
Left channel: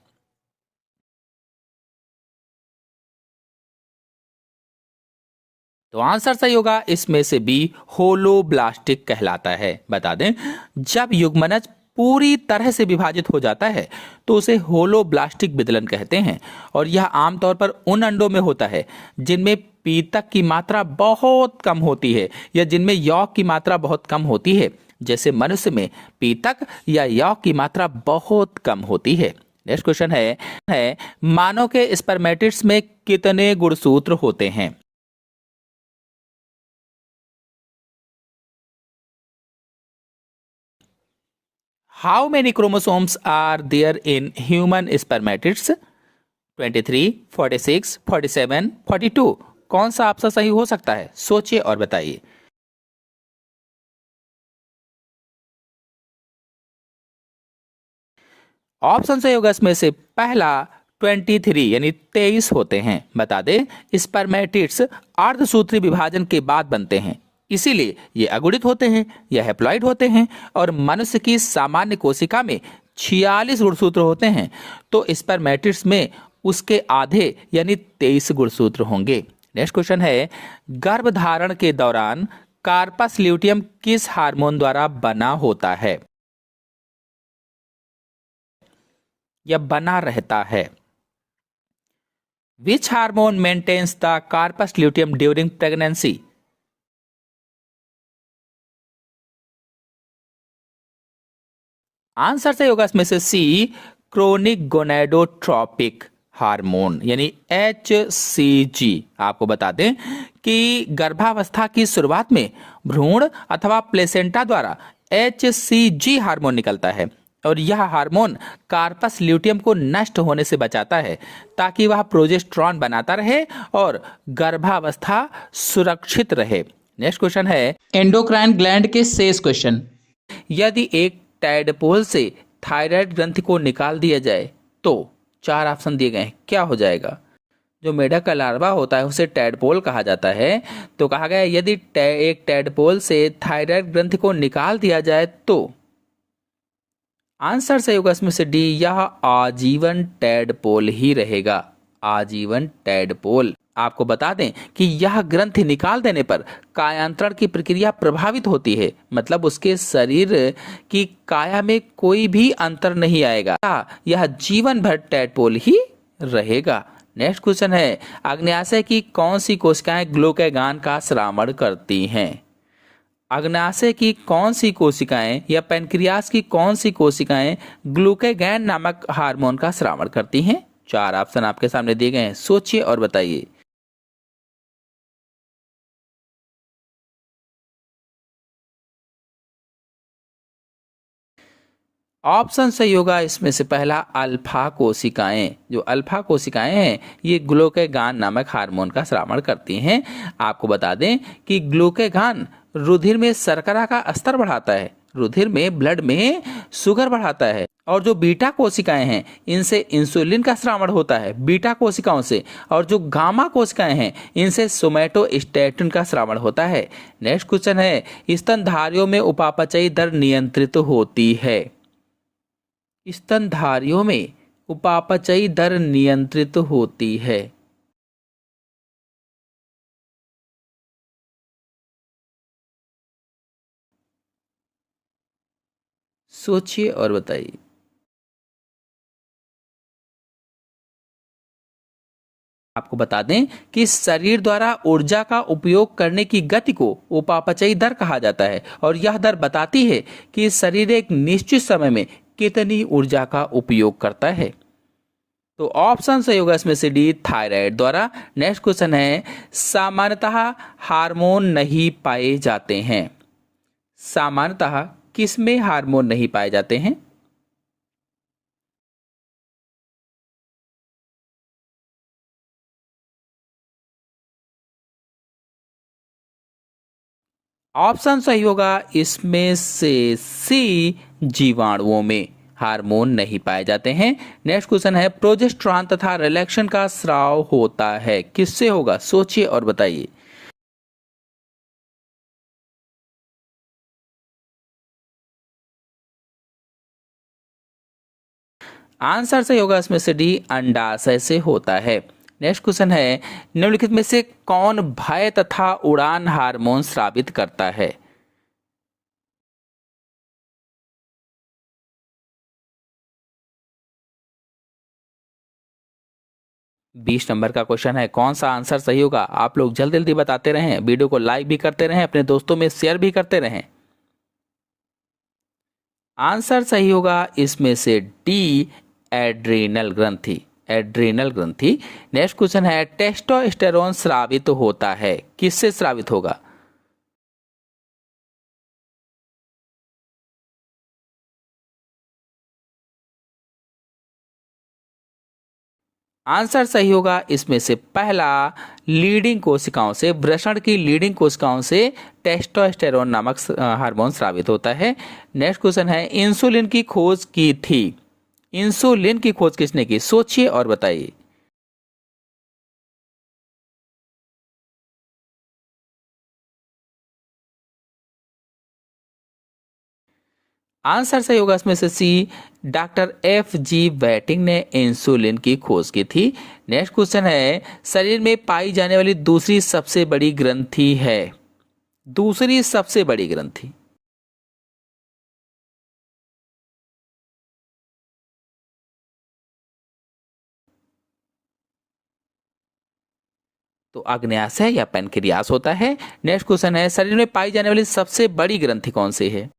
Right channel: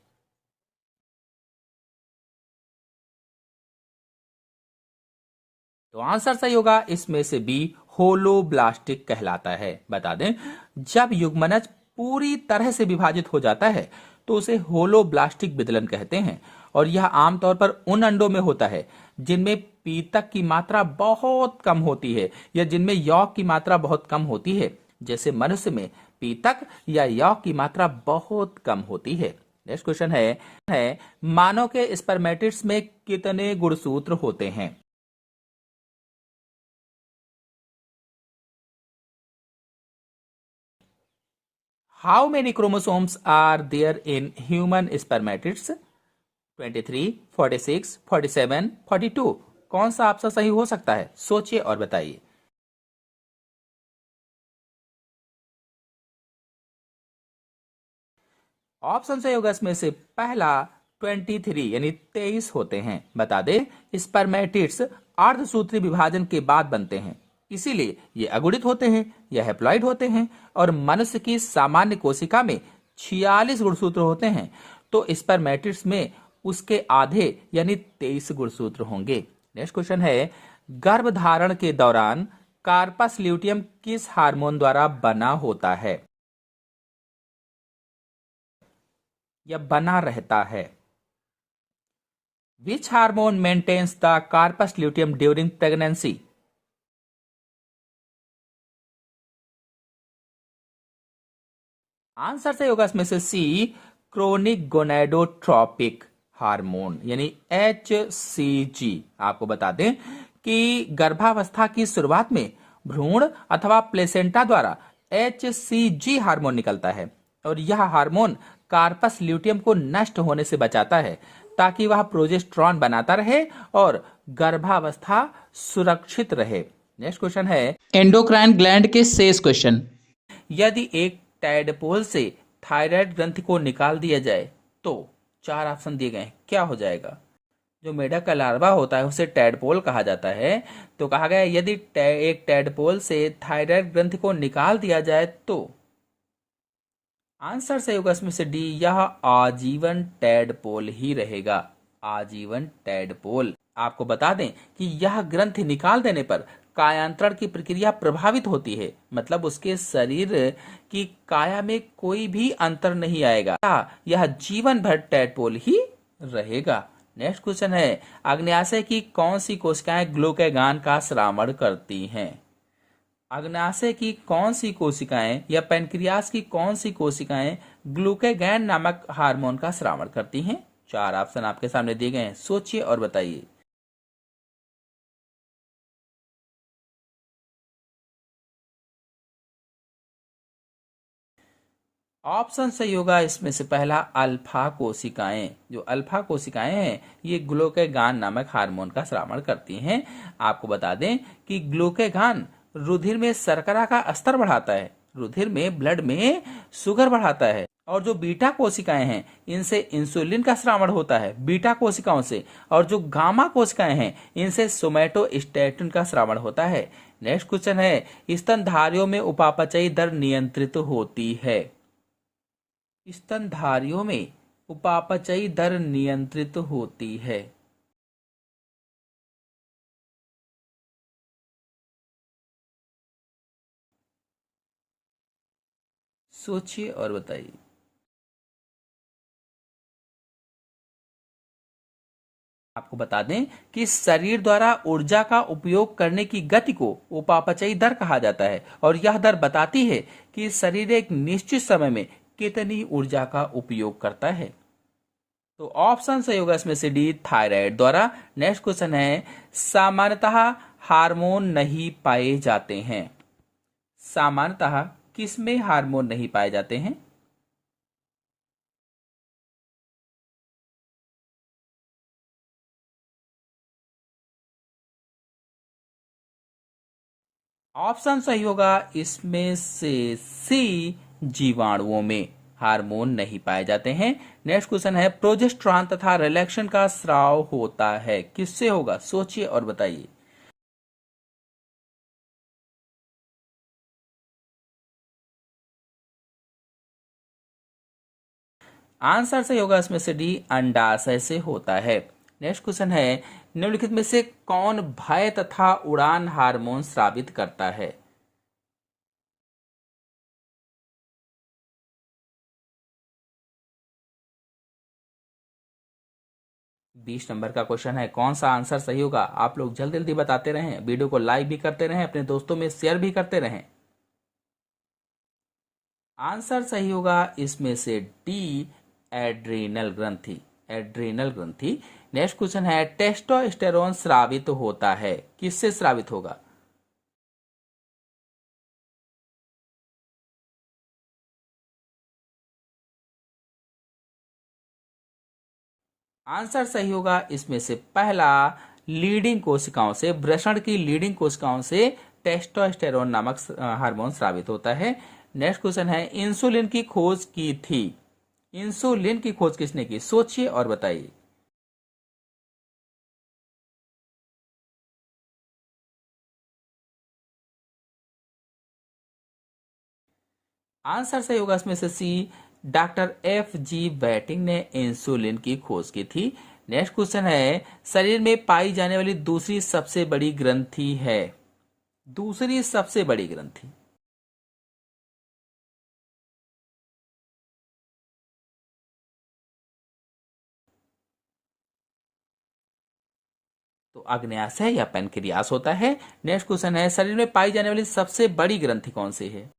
तो आंसर सही होगा इसमें से बी, होलोब्लास्टिक कहलाता है। बता दें, जब युग्मनज पूरी तरह से विभाजित हो जाता है तो उसे होलोब्लास्टिक विदलन कहते हैं और यह आमतौर पर उन अंडों में होता है जिनमें पीतक की मात्रा बहुत कम होती है या जिनमें यौग की मात्रा बहुत कम होती है। जैसे मनुष्य में पीतक या यौग की मात्रा बहुत कम होती है। नेक्स्ट क्वेश्चन है मानव के स्पर्मेटिड्स में कितने गुणसूत्र होते हैं? How many chromosomes are there in human spermatids? 23, 46, 47, 42। कौन सा आपसा सही हो सकता है? सोचिए और बताइए। ऑप्शन सही होगा इसमें से पहला 23 यानी 23 होते हैं। बता दें स्पर्मेटिड्स अर्धसूत्री विभाजन के बाद बनते हैं, इसीलिए ये अगुणित होते हैं या हैप्लॉइड होते हैं। और मनुष्य की सामान्य कोशिका में 46 गुणसूत्र होते हैं, तो स्पर्मेटिड्स में उसके आधे यानी 23 गुणसूत्र होंगे। नेक्स्ट क्वेश्चन है, गर्भधारण के दौरान कार्पस ल्यूटियम किस हार्मोन द्वारा बना होता है या बना रहता है? Which hormone maintains the corpus luteum during pregnancy? Answer सही होगा इसमें से सी, क्रोनिक गोनेडोट्रोपिक हार्मोन यानी HCG। आपको बता दें कि गर्भावस्था की शुरुआत में भ्रूण अथवा प्लेसेंटा द्वारा HCG हार्मोन निकलता है, और यह हार्मोन कार्पस ल्यूटियम को नष्ट होने से बचाता है ताकि वह प्रोजेस्टेरॉन बनाता रहे और गर्भावस्था सुरक्षित रहे। नेक्स्ट क्वेश्चन है एंडोक्राइन ग्लैंड के शेष क्वेश्चन। यदि एक टैडपोल से थायराइड ग्रंथि को निकाल दिया जाए तो 4 ऑप्शन दिए गए हैं, क्या हो जाएगा? जो मेढक का लार्वा होता है उसे टैडपोल कहा जाता है। तो कहा गया यदि एक टैडपोल से थायराइड ग्रंथि को निकाल दिया जाए तो आंसर सही होगा इसमें से डी, यह आजीवन टैडपोल ही रहेगा। आजीवन टैडपोल। आपको बता दें कि यह ग्रंथि निकाल देने पर कायांतरण की प्रक्रिया प्रभावित होती है, मतलब उसके शरीर की काया में कोई भी अंतर नहीं आएगा, यह जीवन भर टैडपोल ही रहेगा। नेक्स्ट क्वेश्चन है, अग्न्याशय की कौन सी कोशिकाएं ग्लूकागॉन का श्रावण करती हैं? अग्न्याशय की कौन सी कोशिकाएं या पैनक्रियास की कौन सी कोशिकाएं ग्लूकागॉन नामक हार्मोन का श्रावण करती हैं? 4 ऑप्शन आपके सामने दिए गए हैं, सोचिए और बताइए। ऑप्शन सही होगा इसमें से पहला अल्फा कोशिकाएं। जो अल्फा कोशिकाएं हैं ये ग्लूकागॉन नामक हार्मोन का श्रावण करती हैं। आपको बता दें कि ग्लूकागॉन रुधिर में शर्करा का स्तर बढ़ाता है, रुधिर में ब्लड में शुगर बढ़ाता है। और जो बीटा कोशिकाएं हैं इनसे इंसुलिन का श्रावण होता है बीटा कोशिकाओं से। और जो गामा कोशिकाएं हैं इनसे सोमैटोस्टैटिन का श्रावण होता है। नेक्स्ट क्वेश्चन है, स्तनधारियों में उपापचयी दर नियंत्रित होती है? स्तनधारियों में उपापचयी दर नियंत्रित होती है। सोचिए और बताइए। आपको बता दें कि शरीर द्वारा ऊर्जा का उपयोग करने की गति को उपापचयी दर कहा जाता है, और यह दर बताती है कि शरीर एक निश्चित समय में कितनी ऊर्जा का उपयोग करता है। तो ऑप्शन सही होगा इसमें से डी, थायराइड द्वारा। नेक्स्ट क्वेश्चन है, सामान्यतः हार्मोन नहीं पाए जाते हैं? सामान्यतः किसमें हार्मोन नहीं पाए जाते हैं? ऑप्शन सही होगा इसमें से सी, जीवाणुओं में हार्मोन नहीं पाए जाते हैं। नेक्स्ट क्वेश्चन है, प्रोजेस्टेरॉन तथा रिलैक्सेशन का स्राव होता है किससे होगा? सोचिए और बताइए। आंसर सही होगा इसमें से डी, अंडाशय से होता है। नेक्स्ट क्वेश्चन है, निम्नलिखित में से कौन भय तथा उड़ान हार्मोन स्रावित करता है? 20 नंबर का क्वेश्चन है, कौन सा आंसर सही होगा? आप लोग जल्दी जल्दी बताते रहें, वीडियो को लाइक भी करते रहें, अपने दोस्तों में शेयर भी करते रहें। आंसर सही होगा इसमें से डी, एड्रेनल ग्रंथि। एड्रेनल ग्रंथि। नेक्स्ट क्वेश्चन है, टेस्टोस्टेरोन स्रावित होता है किससे स्रावित होगा? आंसर सही होगा इसमें से पहला, लीडिंग कोशिकाओं से, वृषण की लीडिंग कोशिकाओं से टेस्टोस्टेरोन नामक हार्मोन स्रावित होता है। नेक्स्ट क्वेश्चन है, इंसुलिन की खोज की थी। इंसुलिन की खोज किसने की? सोचिए और बताइए। आंसर सही होगा इसमें से सी, डॉक्टर F.G. बैटिंग ने इंसुलिन की खोज की थी। नेक्स्ट क्वेश्चन है, शरीर में पाई जाने वाली दूसरी सबसे बड़ी ग्रंथि है। दूसरी सबसे बड़ी ग्रंथि। तो अग्न्याशय या पैनक्रियास होता है। नेक्स्ट क्वेश्चन है, शरीर में पाई जाने वाली सबसे बड़ी ग्रंथि कौन सी है?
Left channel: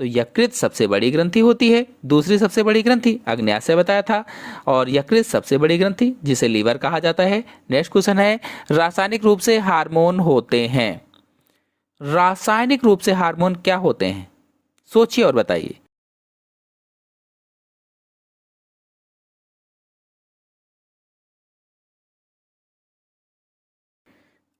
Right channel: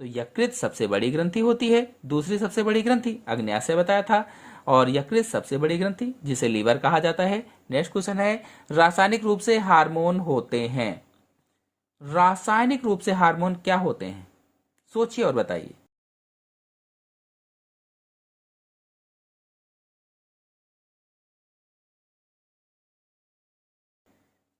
तो यकृत सबसे बड़ी ग्रंथि होती है। दूसरी सबसे बड़ी ग्रंथि अग्न्याशय बताया था, और यकृत सबसे बड़ी ग्रंथि जिसे लीवर कहा जाता है। नेक्स्ट क्वेश्चन है, रासायनिक रूप से हार्मोन होते हैं। रासायनिक रूप से हार्मोन क्या होते हैं? सोचिए और बताइए।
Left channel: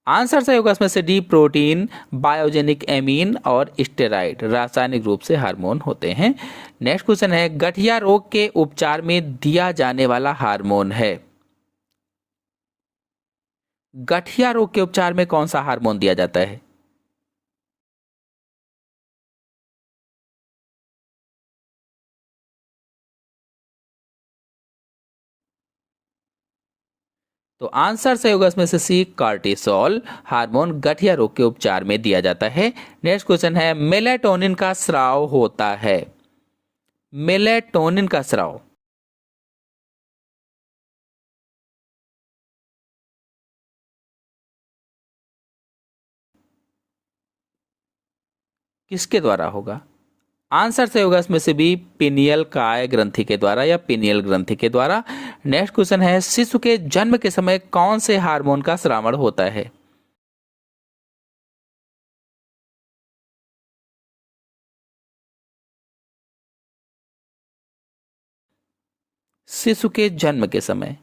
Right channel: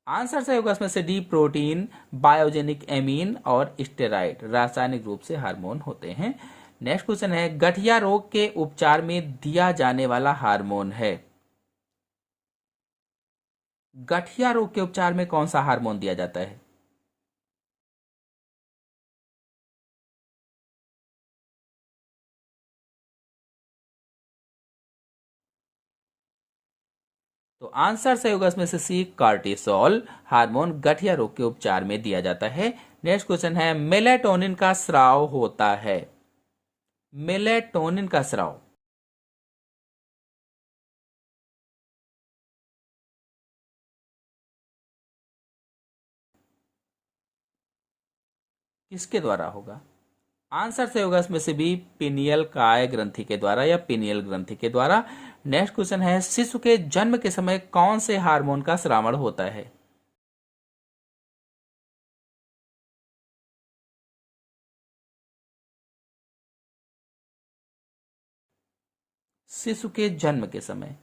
आंसर सही होगा इसमें से डी, प्रोटीन, बायोजेनिक एमीन और स्टेरॉइड रासायनिक रूप से हार्मोन होते हैं। नेक्स्ट क्वेश्चन है, गठिया रोग के उपचार में दिया जाने वाला हार्मोन है। गठिया रोग के उपचार में कौन सा हार्मोन दिया जाता है? तो आंसर सही होगा इसमें से सी, कार्टिसोल हार्मोन गठिया रोग के उपचार में दिया जाता है। नेक्स्ट क्वेश्चन है, मेलेटोनिन का स्राव होता है। मेलेटोनिन का स्राव किसके द्वारा होगा? आंसर सही होगा इसमें से भी, पिनियल काय ग्रंथि के द्वारा या पिनियल ग्रंथि के द्वारा। नेक्स्ट क्वेश्चन है, शिशु के जन्म के समय कौन से हार्मोन का स्रावण होता है? शिशु के जन्म के समय।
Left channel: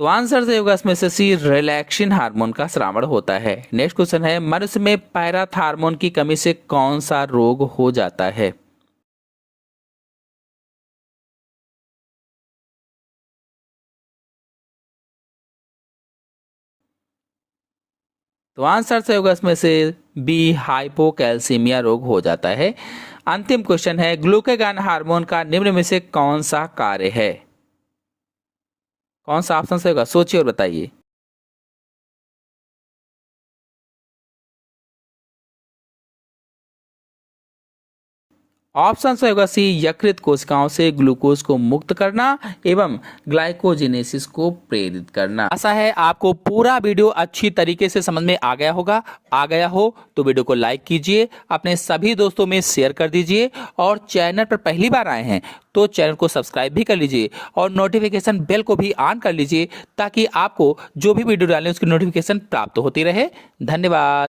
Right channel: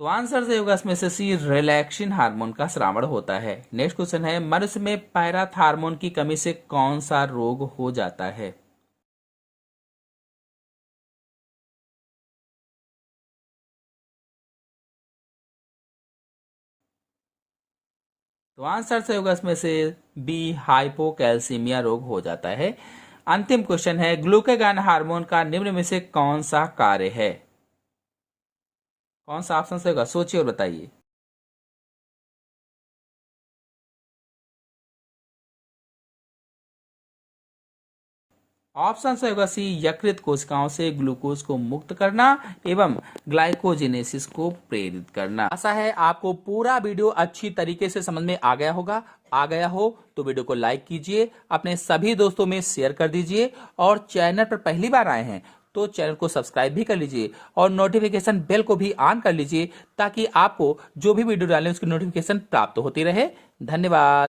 तो आंसर सही होगा इसमें से सी, रिलैक्सिन हार्मोन का स्रावण होता है। नेक्स्ट क्वेश्चन है, मनुष्य में पैराथार्मोन की कमी से कौन सा रोग हो जाता है? तो आंसर सही होगा इसमें से बी, हाइपोकैल्सीमिया रोग हो जाता है। अंतिम क्वेश्चन है, ग्लूकागॉन हार्मोन का निम्न में से कौन सा कार्य है? कौन सा ऑप्शन सही होगा? सोचिए और बताइए। ऑप्शन सही होगा सी, यकृत कोशिकाओं से ग्लूकोज को मुक्त करना एवं ग्लाइकोजेनेसिस को प्रेरित करना। आशा है आपको पूरा वीडियो अच्छी तरीके से समझ में आ गया होगा। आ गया हो तो वीडियो को लाइक कीजिए, अपने सभी दोस्तों में शेयर कर दीजिए, और चैनल पर पहली बार आए हैं तो चैनल को सब्सक्राइब भी कर लीजिए और नोटिफिकेशन बेल को भी ऑन कर लीजिए, ताकि आपको जो भी वीडियो डालें उसकी नोटिफिकेशन प्राप्त होती रहे। धन्यवाद।